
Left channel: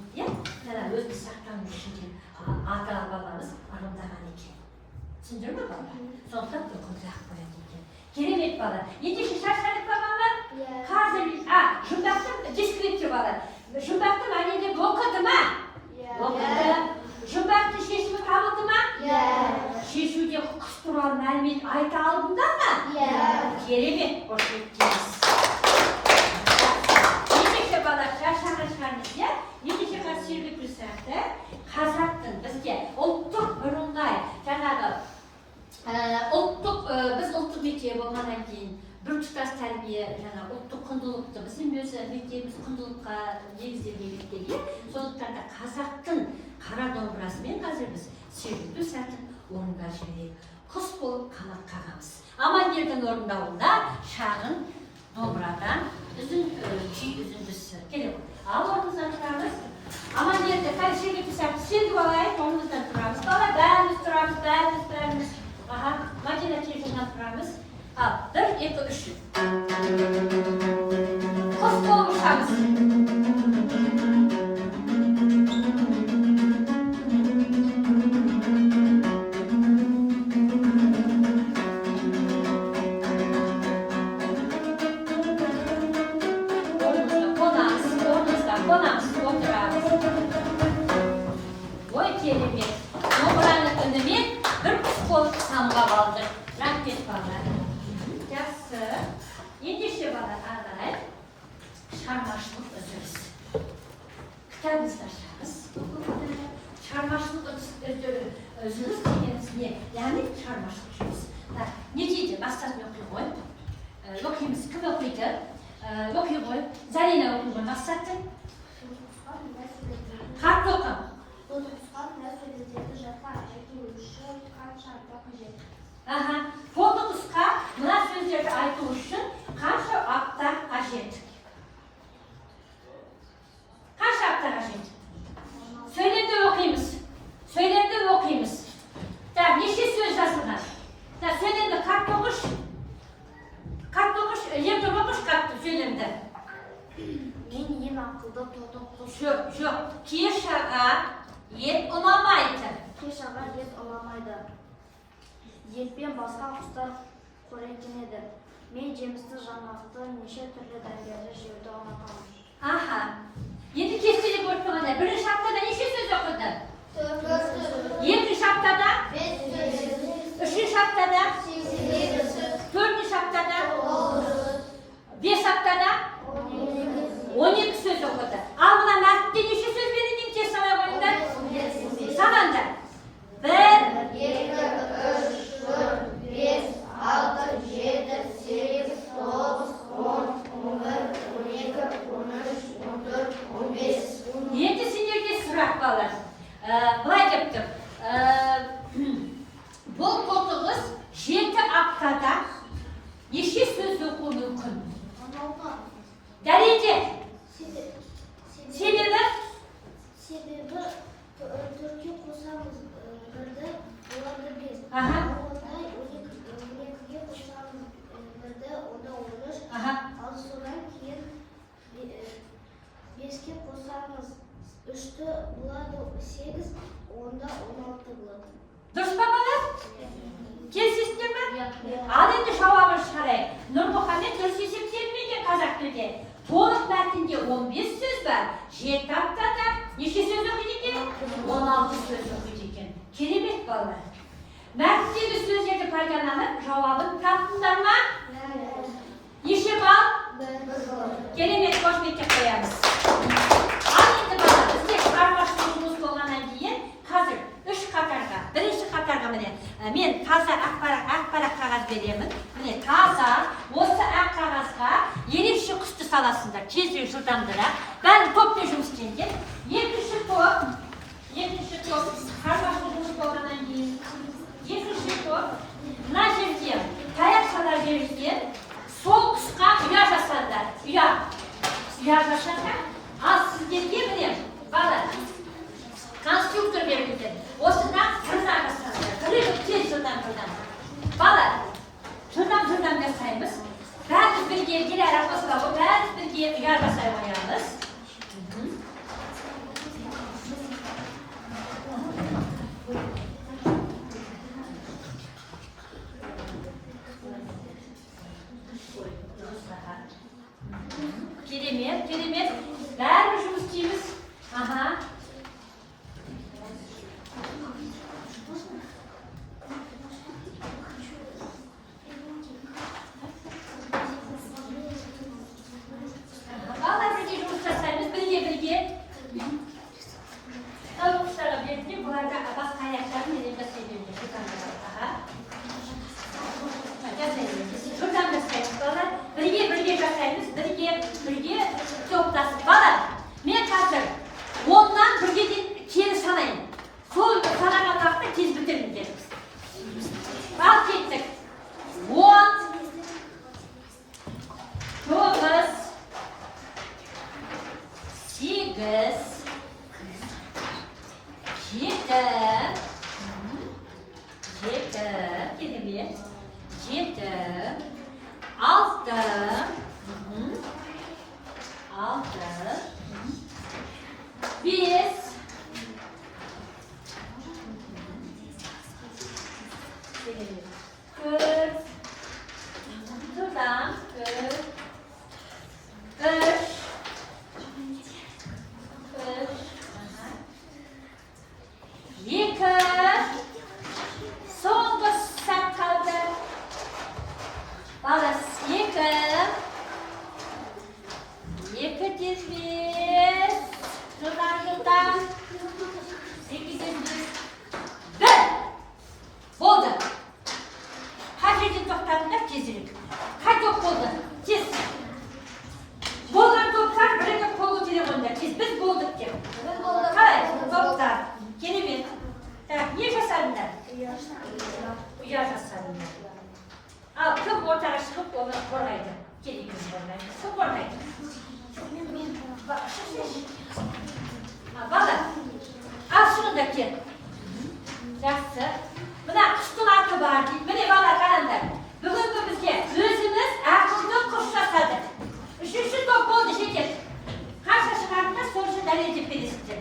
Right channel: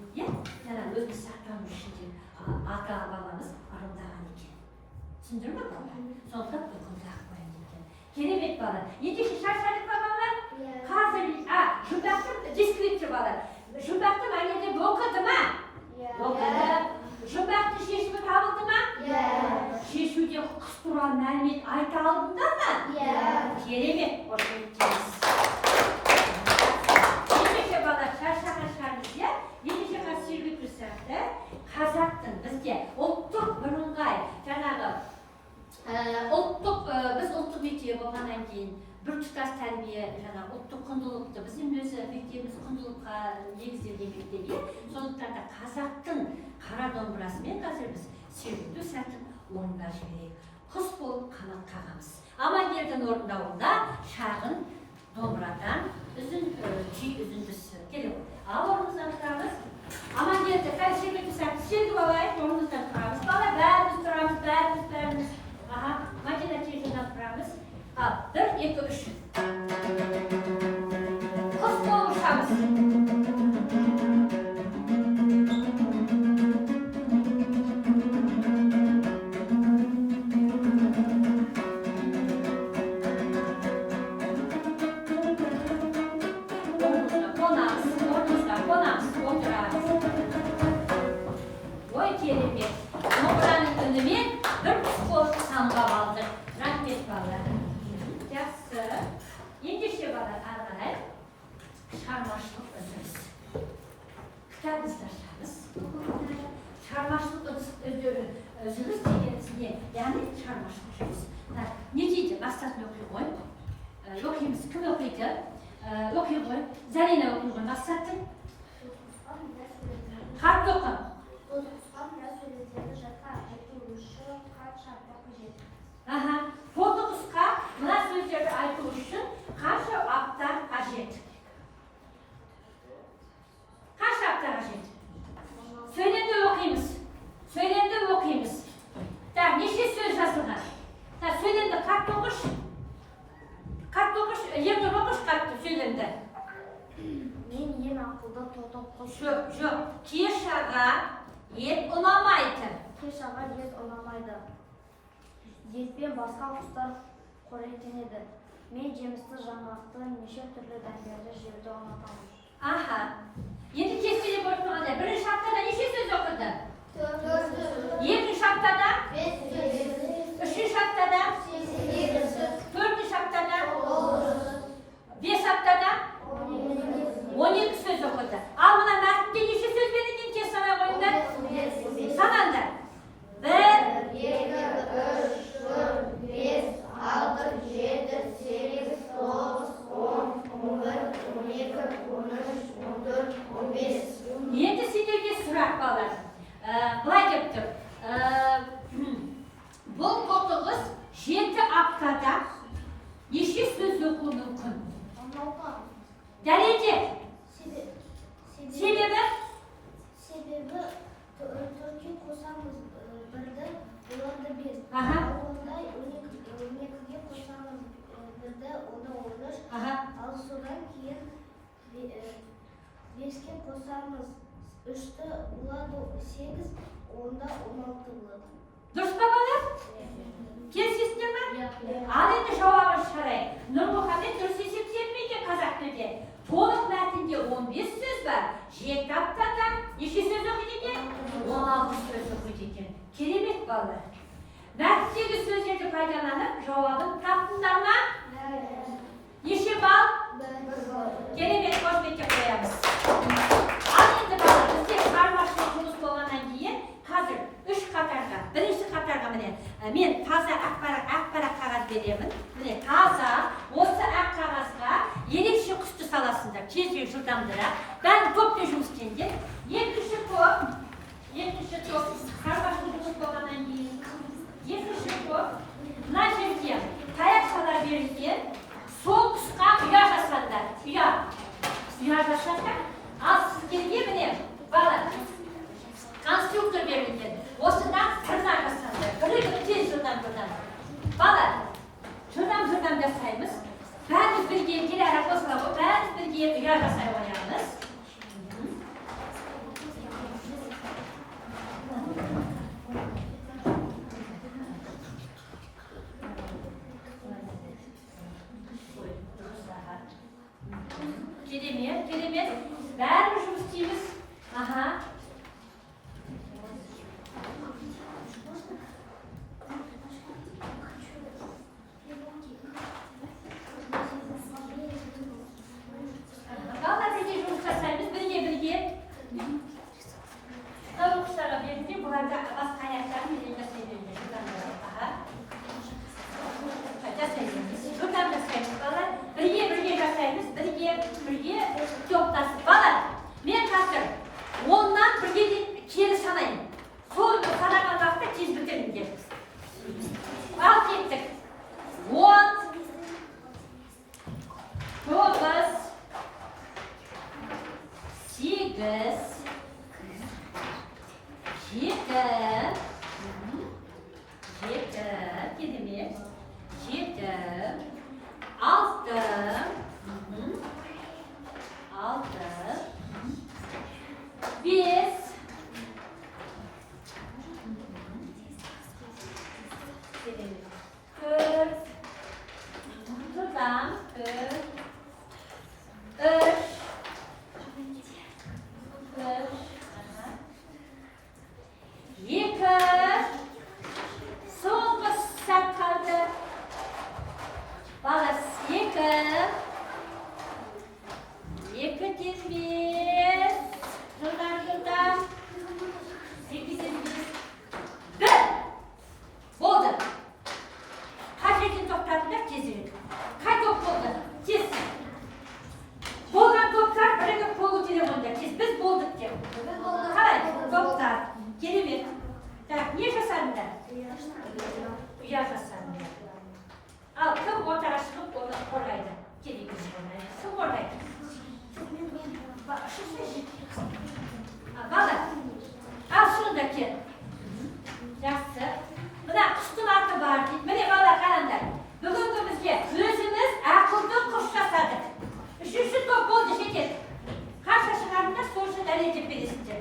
өзін сақтану үшін ата-бабамыз ырымдаған екен. Түсіндір ме балалар? Сондықтан үкімді ақ қояды екен. Керемет бала. Ендеше шаршадық па балалар? Қазір жұмбақтың дискрипті балалар. Жұмбақты мәнеде оқыды ма? Оқыды. Жұмбақты шешімі табылды ма? Шешуде құс туралы мәлімет айта алдыңдар ма? Керемет. Қош еттіңіз. Ендеше балалар шаршаған шығармыз, иә? Ендеше қазір жергілікті сияқты қазақтың бізде ұлттық бірыңғай жаңағы біз ұлттық мектеп болғаннан кейін біртұтас тәрбие, ұлттық құндылықты біздің өзі мектебіміз құндылыққа негізделген мектеп. Сондықтан да қазақтың қара домбырасымен қазір біз сөйлеуді сәтін орындап жіберейік. Құс болып қанат қағамыз. Амангелдің орындауында шағын домбырадан күй үзіндісі керек. Ал орнымыздан тұрамыз. Амангелді жергілікті сәтті сендіп алайық, орнымыздан тұрамыз. Бала бәріміз тұрамыз, бәріміз. Мадина телефоннан тұрамыз. 1, 2, 3. Kerem'e. Numaranın önüme bir kol samga aldı. Rahmet bana. Yaxşı. Endi işte bana aralay. Çarmaşlık özürüz. Kitabımızda çarmaşlık özürüz degenizne. Yani çarmaşlık özürüz. Neciydi? Maksatını okuyun. Okuyumuz kim okuydu? Okuyun. Zarina okuyun. Maksatı? Harp okuyun. Aha, Portuguska mına sözlerde aytılışın karşı aktar ajet. Karşı aktar ajet. Söylemde okuyumuz. Söylemde okuyumuz. Tamam, neşe söz yazılır. Tamam, söylemde kat dokuş. Kat dokuş, yerde dokuş kattı söylemde. Men yem akılda to'xtab qoldim. Yok. Keşağa yet olamaydı. Keşağa yet olamaydi. Yetпен басқа құстар қоректен еді. Мен жемісті жаңғақты неше түрлі дәмдерді жеуді ұнатамын. Aha. Yedi kestiğini korkmada. Birinci haftada neşe söz okudu? Yedinci haftada? Üçüncü haftada? Dördüncü haftada? Beş haftada? 12 söz okudu. Al buna nakde neşe söz verildim ki sana koyunda? Sana da. 1, 2, 3, 4, 5, 6, 7, 8, 9, 10, 11, 12, 13, 14, 15. 7 sinirde sırak balar. Былай деп тұр. Бұл Portuguz 7 haftada неше сөз оқуы мүмкін? Дәлелде. Себебі? Себебі төртке қосамыз бірді, оларды бес. Aha. Ондай 12-ге қосамыз бірді, онда 13. Aha. Ал содан кейін 5-ке қосамыз 3-ті болады 8, онда 16 болады. Дұрыс па балалар? Келісесіздер ме? Ал енді жауабын шығарайық. Нұрмұхамед дұрыс есептелмеген қазақ тілде. Толық мәтінде 15 сөз бар. 7 аптада неше сөз оқиды екен? 16 сөз оқиды екен. Керемет балалар. Мәтіндегі сөздерді пайдаланып, жауабын таптыңдар ма? Неше балл? Керемет, қошеметке қоямыз. Ал енді балалар, бізде шығармашылық жұмыс болғаннан кейін қазір 3 қатарға, бірінші қатарға міне мен таза ақ парақ қағаз беремін. Міне таза осы ақ қағазға ерекше күшті саласыңдар, тезірек жылдамдырақ. Бәрі топпен жұмыс істеңдер. Екінші топ шығармашылық жұмыс болғаннан кейін екінші топ мына жерде таяқшалар берілген. Сол тұсқа ұя жасаңдар. Ұя жасаңдар. Ал сіздерге міне бала конструктор берілді. Осыдан тырнақ жасаңдар. Тез жылдам. Бала жылдам жасаймыз. Бәріміз бірге Диляра қосылады. Бәріміз бірге ұя жасай қоямыз. Керемет. Бәріміз жұмыс істейміз. Аха. Балалар бірге жұмыс жасаймыз. Бірге. Тауық құстарға берді. Бұларда басқа аяқтарын неден жасай берді. Жылдам жасаймыз балалар. Бірге жасаймыз. Бірге топтасып. Балалар, мен қазір 10-нан 1-ге дейін кері санайын. Сол санаған уақытта тез бітіріңдер. Ал кеттік. 10, 9, 8, 7, керемет. 7, 6, 5, 4, Şuradan 7, kim ortaga çıkıp onu koruydu. Geri kızlarına. Kim koruydu? Bala. Al şunu da ki. Yaxşı. Buna qıştın atı var deyip, mene bala qaranglar. Bugungi bizga o'zimiz aqlni qo'shsadik. Uchinchi top bo'ldi shekil. Qancha chiqardinglar, so'rasha daraja berishdi.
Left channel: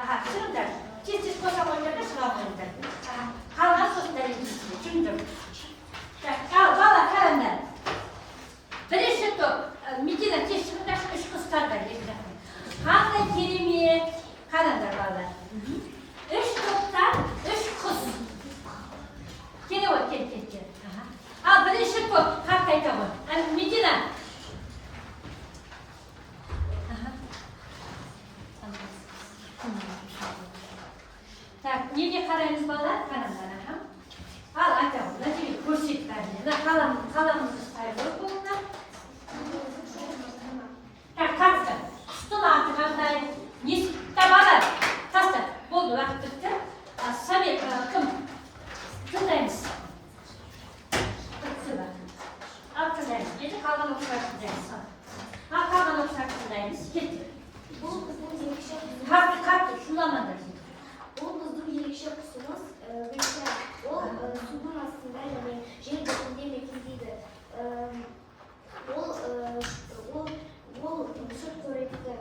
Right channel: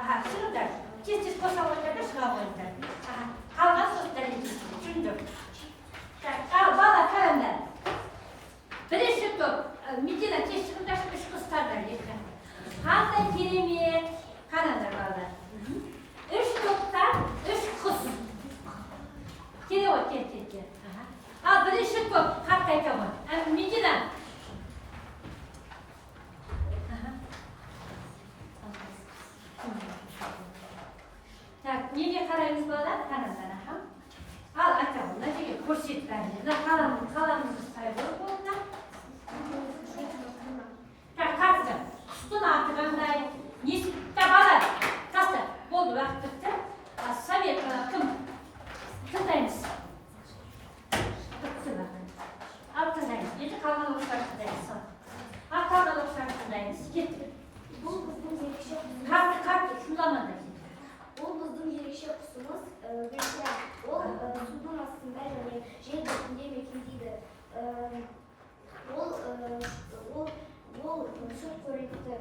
Aha, tushundilar. Tez qo'sha qo'yishda chiqib qo'ydi. Aha, qolgan so'z darajasi. Tushundim. Al bala qaranglar. Birinchi top Medina tekshiruvda uch qizlardan ekan. Qanday kerak qaranglar balalar. 3 topdan 3 qiz. Geliyor, gel. Al, birinchi top, haqda aytaman. Medina. Tak, nega qaraymiz bolalar? Qaranglar ham. Al, aytaman, natija ko'rsatib qalamimiz paydo bo'ldi. Tak, qatdi. Ustun orti qanday? Nechta bola? Tasta. Bo'ldi, vaqt bitdi. Sovet kim? Tindaymiz. Al tindaymiz. Endi qolgan o'qishlar tindaymiz. Al qolgan o'qishlar tindaymiz. Ketdi. Bu bizim yerleşik Qatdi, shundamanda. O bizim yerleşik kısmımız. Mesela o sudun aslında yani yer dökümde mekindeydi. O süt korekti.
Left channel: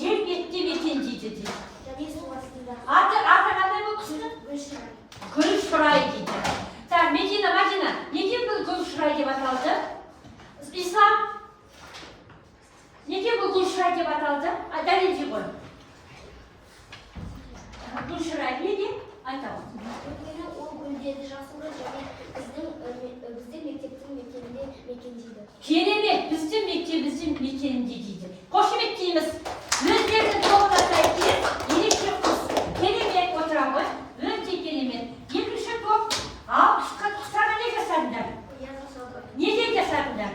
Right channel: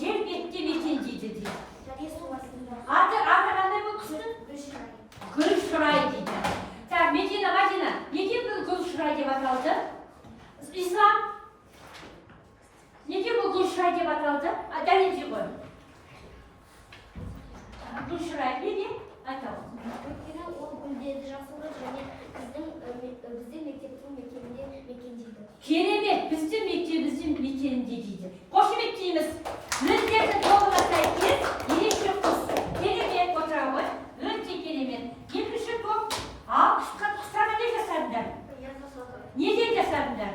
Yer getdi mekinciydi deydi. Yani su aslında. Artı qanday bu qismi? Gulshuray deydi. Sen Medina, nega bu Gulshuray deb ataldi? İslam nega bu Gulshuray deb ataldi? Dalilchi qo'y. Gulshuray nega? Aytaman. Ötürü o gülgedi jasında yani bizim mekteptin mekindeydi. Keremet, bizim mektebimizin mekenindeydi. Qo'shib aytdingiz. Mektabni to'g'rilataylik, yelishib qız. Keremet o'tiramiz. O'nta keremet. Ikkinchi top. Al, qisqarga ne jasadinglar? Nega jasadinglar?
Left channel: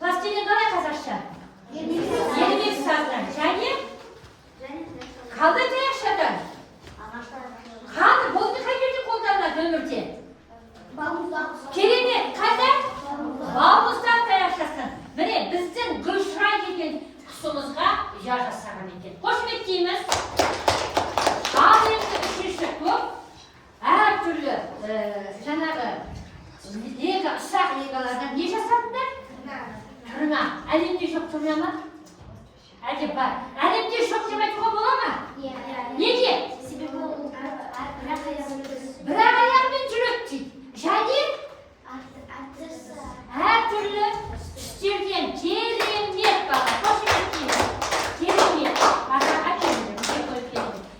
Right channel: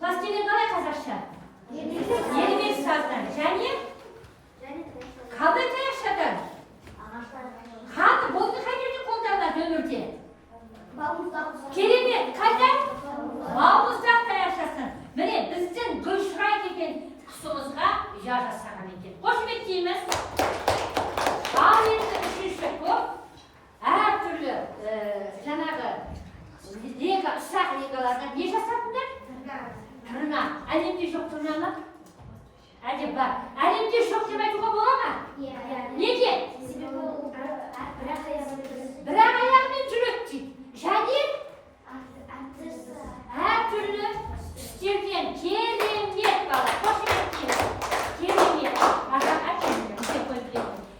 Plastilin qanday qazaqcha? Yelik sazdan. Jani? Qanday yaxshidan? Qani bo'ldi qayerda qo'ldanlar dönürde? Keremet, qayda? Bamuzda yaşasın. Mene bizden Gulshuray degan qismimizga jasagan ekan. Qo'shib aytdingiz. Al endi uchinchi top. Her türlü janağı lega, ıslak legalardan ne jasadinglar? Tırnak. Elimde çok tırnak mı? Acaba elimde çok demek o bulamı? Nece? Bırak ayağımın cürüttü. Jadi her türlü istirgen kerimiyet var. Hoş geldiniz. Kerimiyet.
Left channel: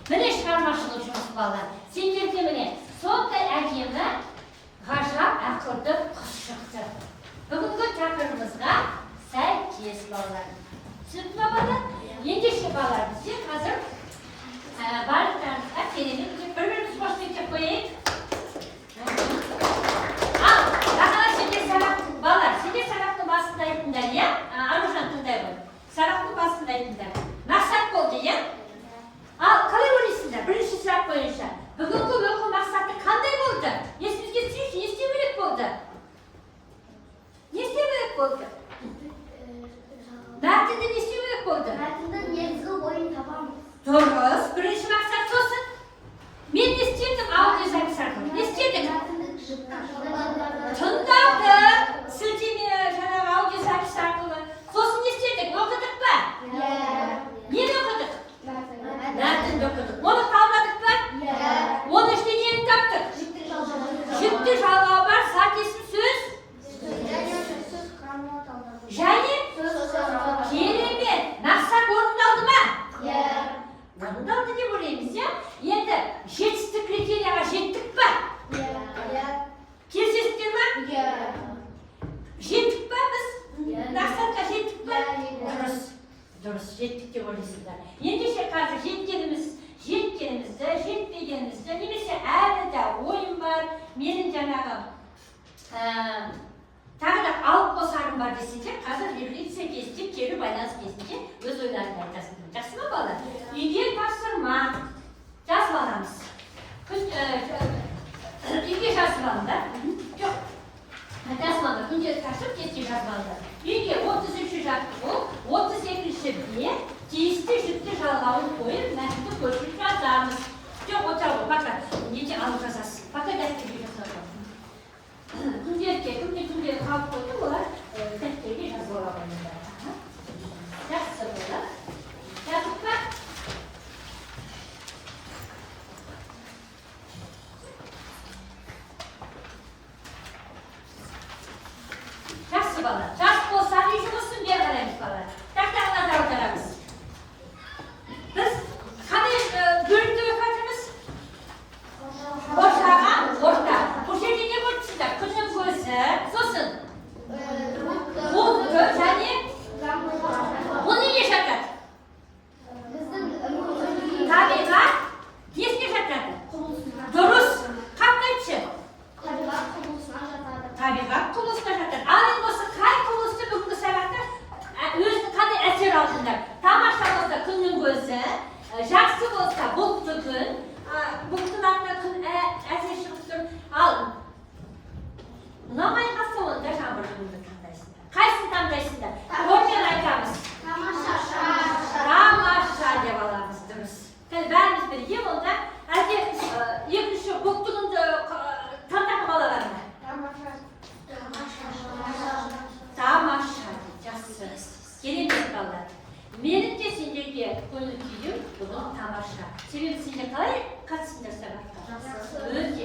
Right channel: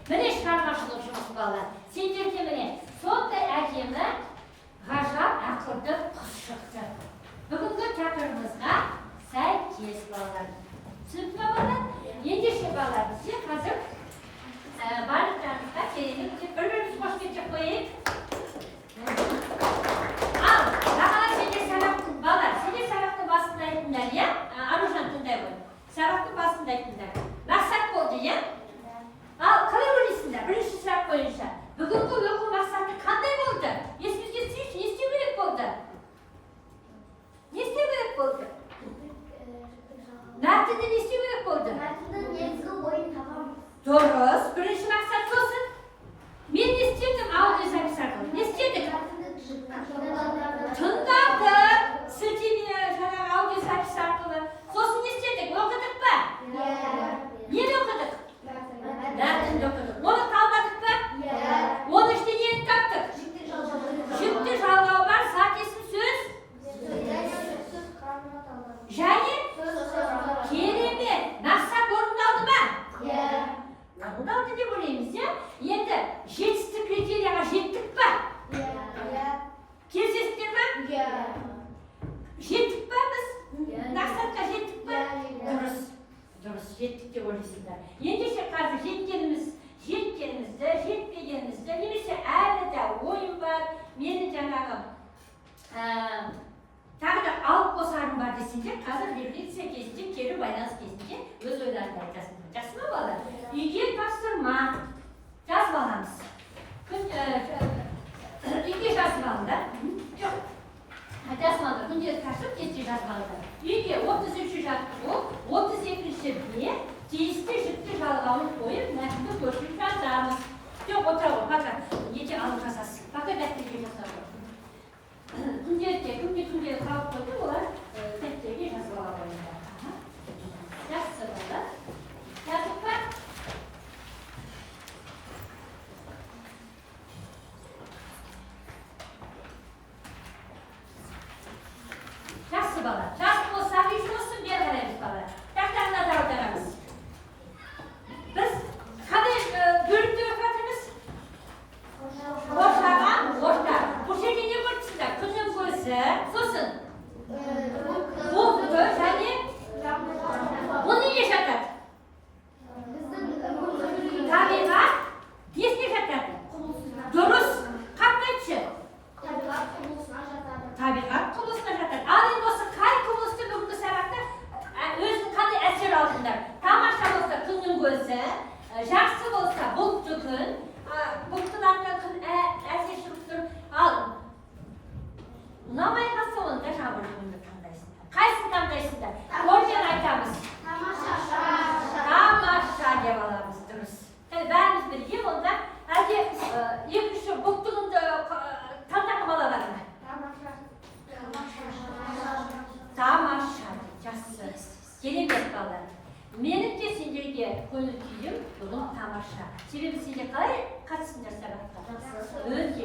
Mene çıkarmaşılığı şunsu bağlar. Sindirdi mene. Sonda әкемі ғажап ақылды қыз шықты. Бүгінгі тақырыбымызға сәйкес балалар. Түсінді ме балалар? Ендеше балалар, бізде қазір барлықтарыңызға керемет бір-біріміз қош мектеп қояйық. Ал, бағана сенде сабақтың балалар, сенде сабақтың басында айтыңдар, иә? Аружан тыңдай ғой. Сабақтың басында айтыңдар. Мақсат болды, иә? Ал, қалай ойлайсыңдар? Бірінші сұрақ бойынша. Бүгінгі оқу мақсаты қандай болды? Есімізге түсірші, не істеу керек болды? Не істеу керек болды? Мәтінді не істеу керек болды? Мәтіндің негізгі ойын табамыз. Дұрыс, бірінші мақсат сосын. Мен не істедім аудиозапись арқылы? Не істедік? Тыңдадық, сілтеме жаңағы аудиозапись арқылы. Сосын не істедік? Оқыдық па? Нені оқыдық? Мәтінді оқыдық. Оны талдадық па? Оның іште нені таптық? Жүкті жалғау бар, сәтесін сөз. Және? Керемет. Мақсат орындалды ма? Орындалды деп ойлаймыз, иә? Енді жетістік критерияға жеттік па? Келісесіздер ма? Жеттік па біз? Мақсатқа жеттік па? Дұрыс, жеттік деп ойлайсыздар. Ендеше қазір жеткенімізді, жетпегенімізді, немесе әлі де ойым бар, менің жаңағы тағы да алып қосарым бар десеңдер, қазір рефлексия кезінде, кері байланыс кезінде өз ойларыңды айтасыңдар. Жақсы ма балалар? Үйге тапсырма жазып аламыз. Үйге taşıp geçireceğiz. Çünkü 33 yaptı bu, 32'si bir, tiyiste şüttü şalgavını koyup, məhsulu görüşürüz dağımız. Çok otur bu, fakat niçin anlatacağız? Fakat destekli yazılır. Tuncerke kalk koydu, onlar destekli yazılır. Nasıl burada? Yazık var. Жақсы бала, жас болса жұмысын бермейміз бала. Тақтағына да аударамыз. Біз қандай бөлімде оқатымыз? Орта. Бұл жерде не көрсіздер? Күннің көзі, сосын бұлты және бұл неге жатады? Табиғат несіне жатады? Дұрыс. Қандайшы? Табиғат құбылысына жатады. Ал енді осы қай құбылысты бүгінгі сабақта өзінің қандай әсер алдыңдар? Тамаша болса күннің көзі, жақсы болса бұлтты күн, бұлттың артынан күн әсер шығып тұр. Ал ұнамай қалса онда жаңбырды таңдайсыңдар. Қайсысын таңдайсыңдар? Ормен айтамыз. Тамаша деп аламыз, дұрыс. Бәріміз бірге онда әлде екінші бұлтты күнді таңдап қалаған ма? Тамаша, жақсы. Керемет балалар. Менің де сендерге көңіл күйім бүгін тамаша. Себебі сендер қалай қатысыңдар сабаққа? Өте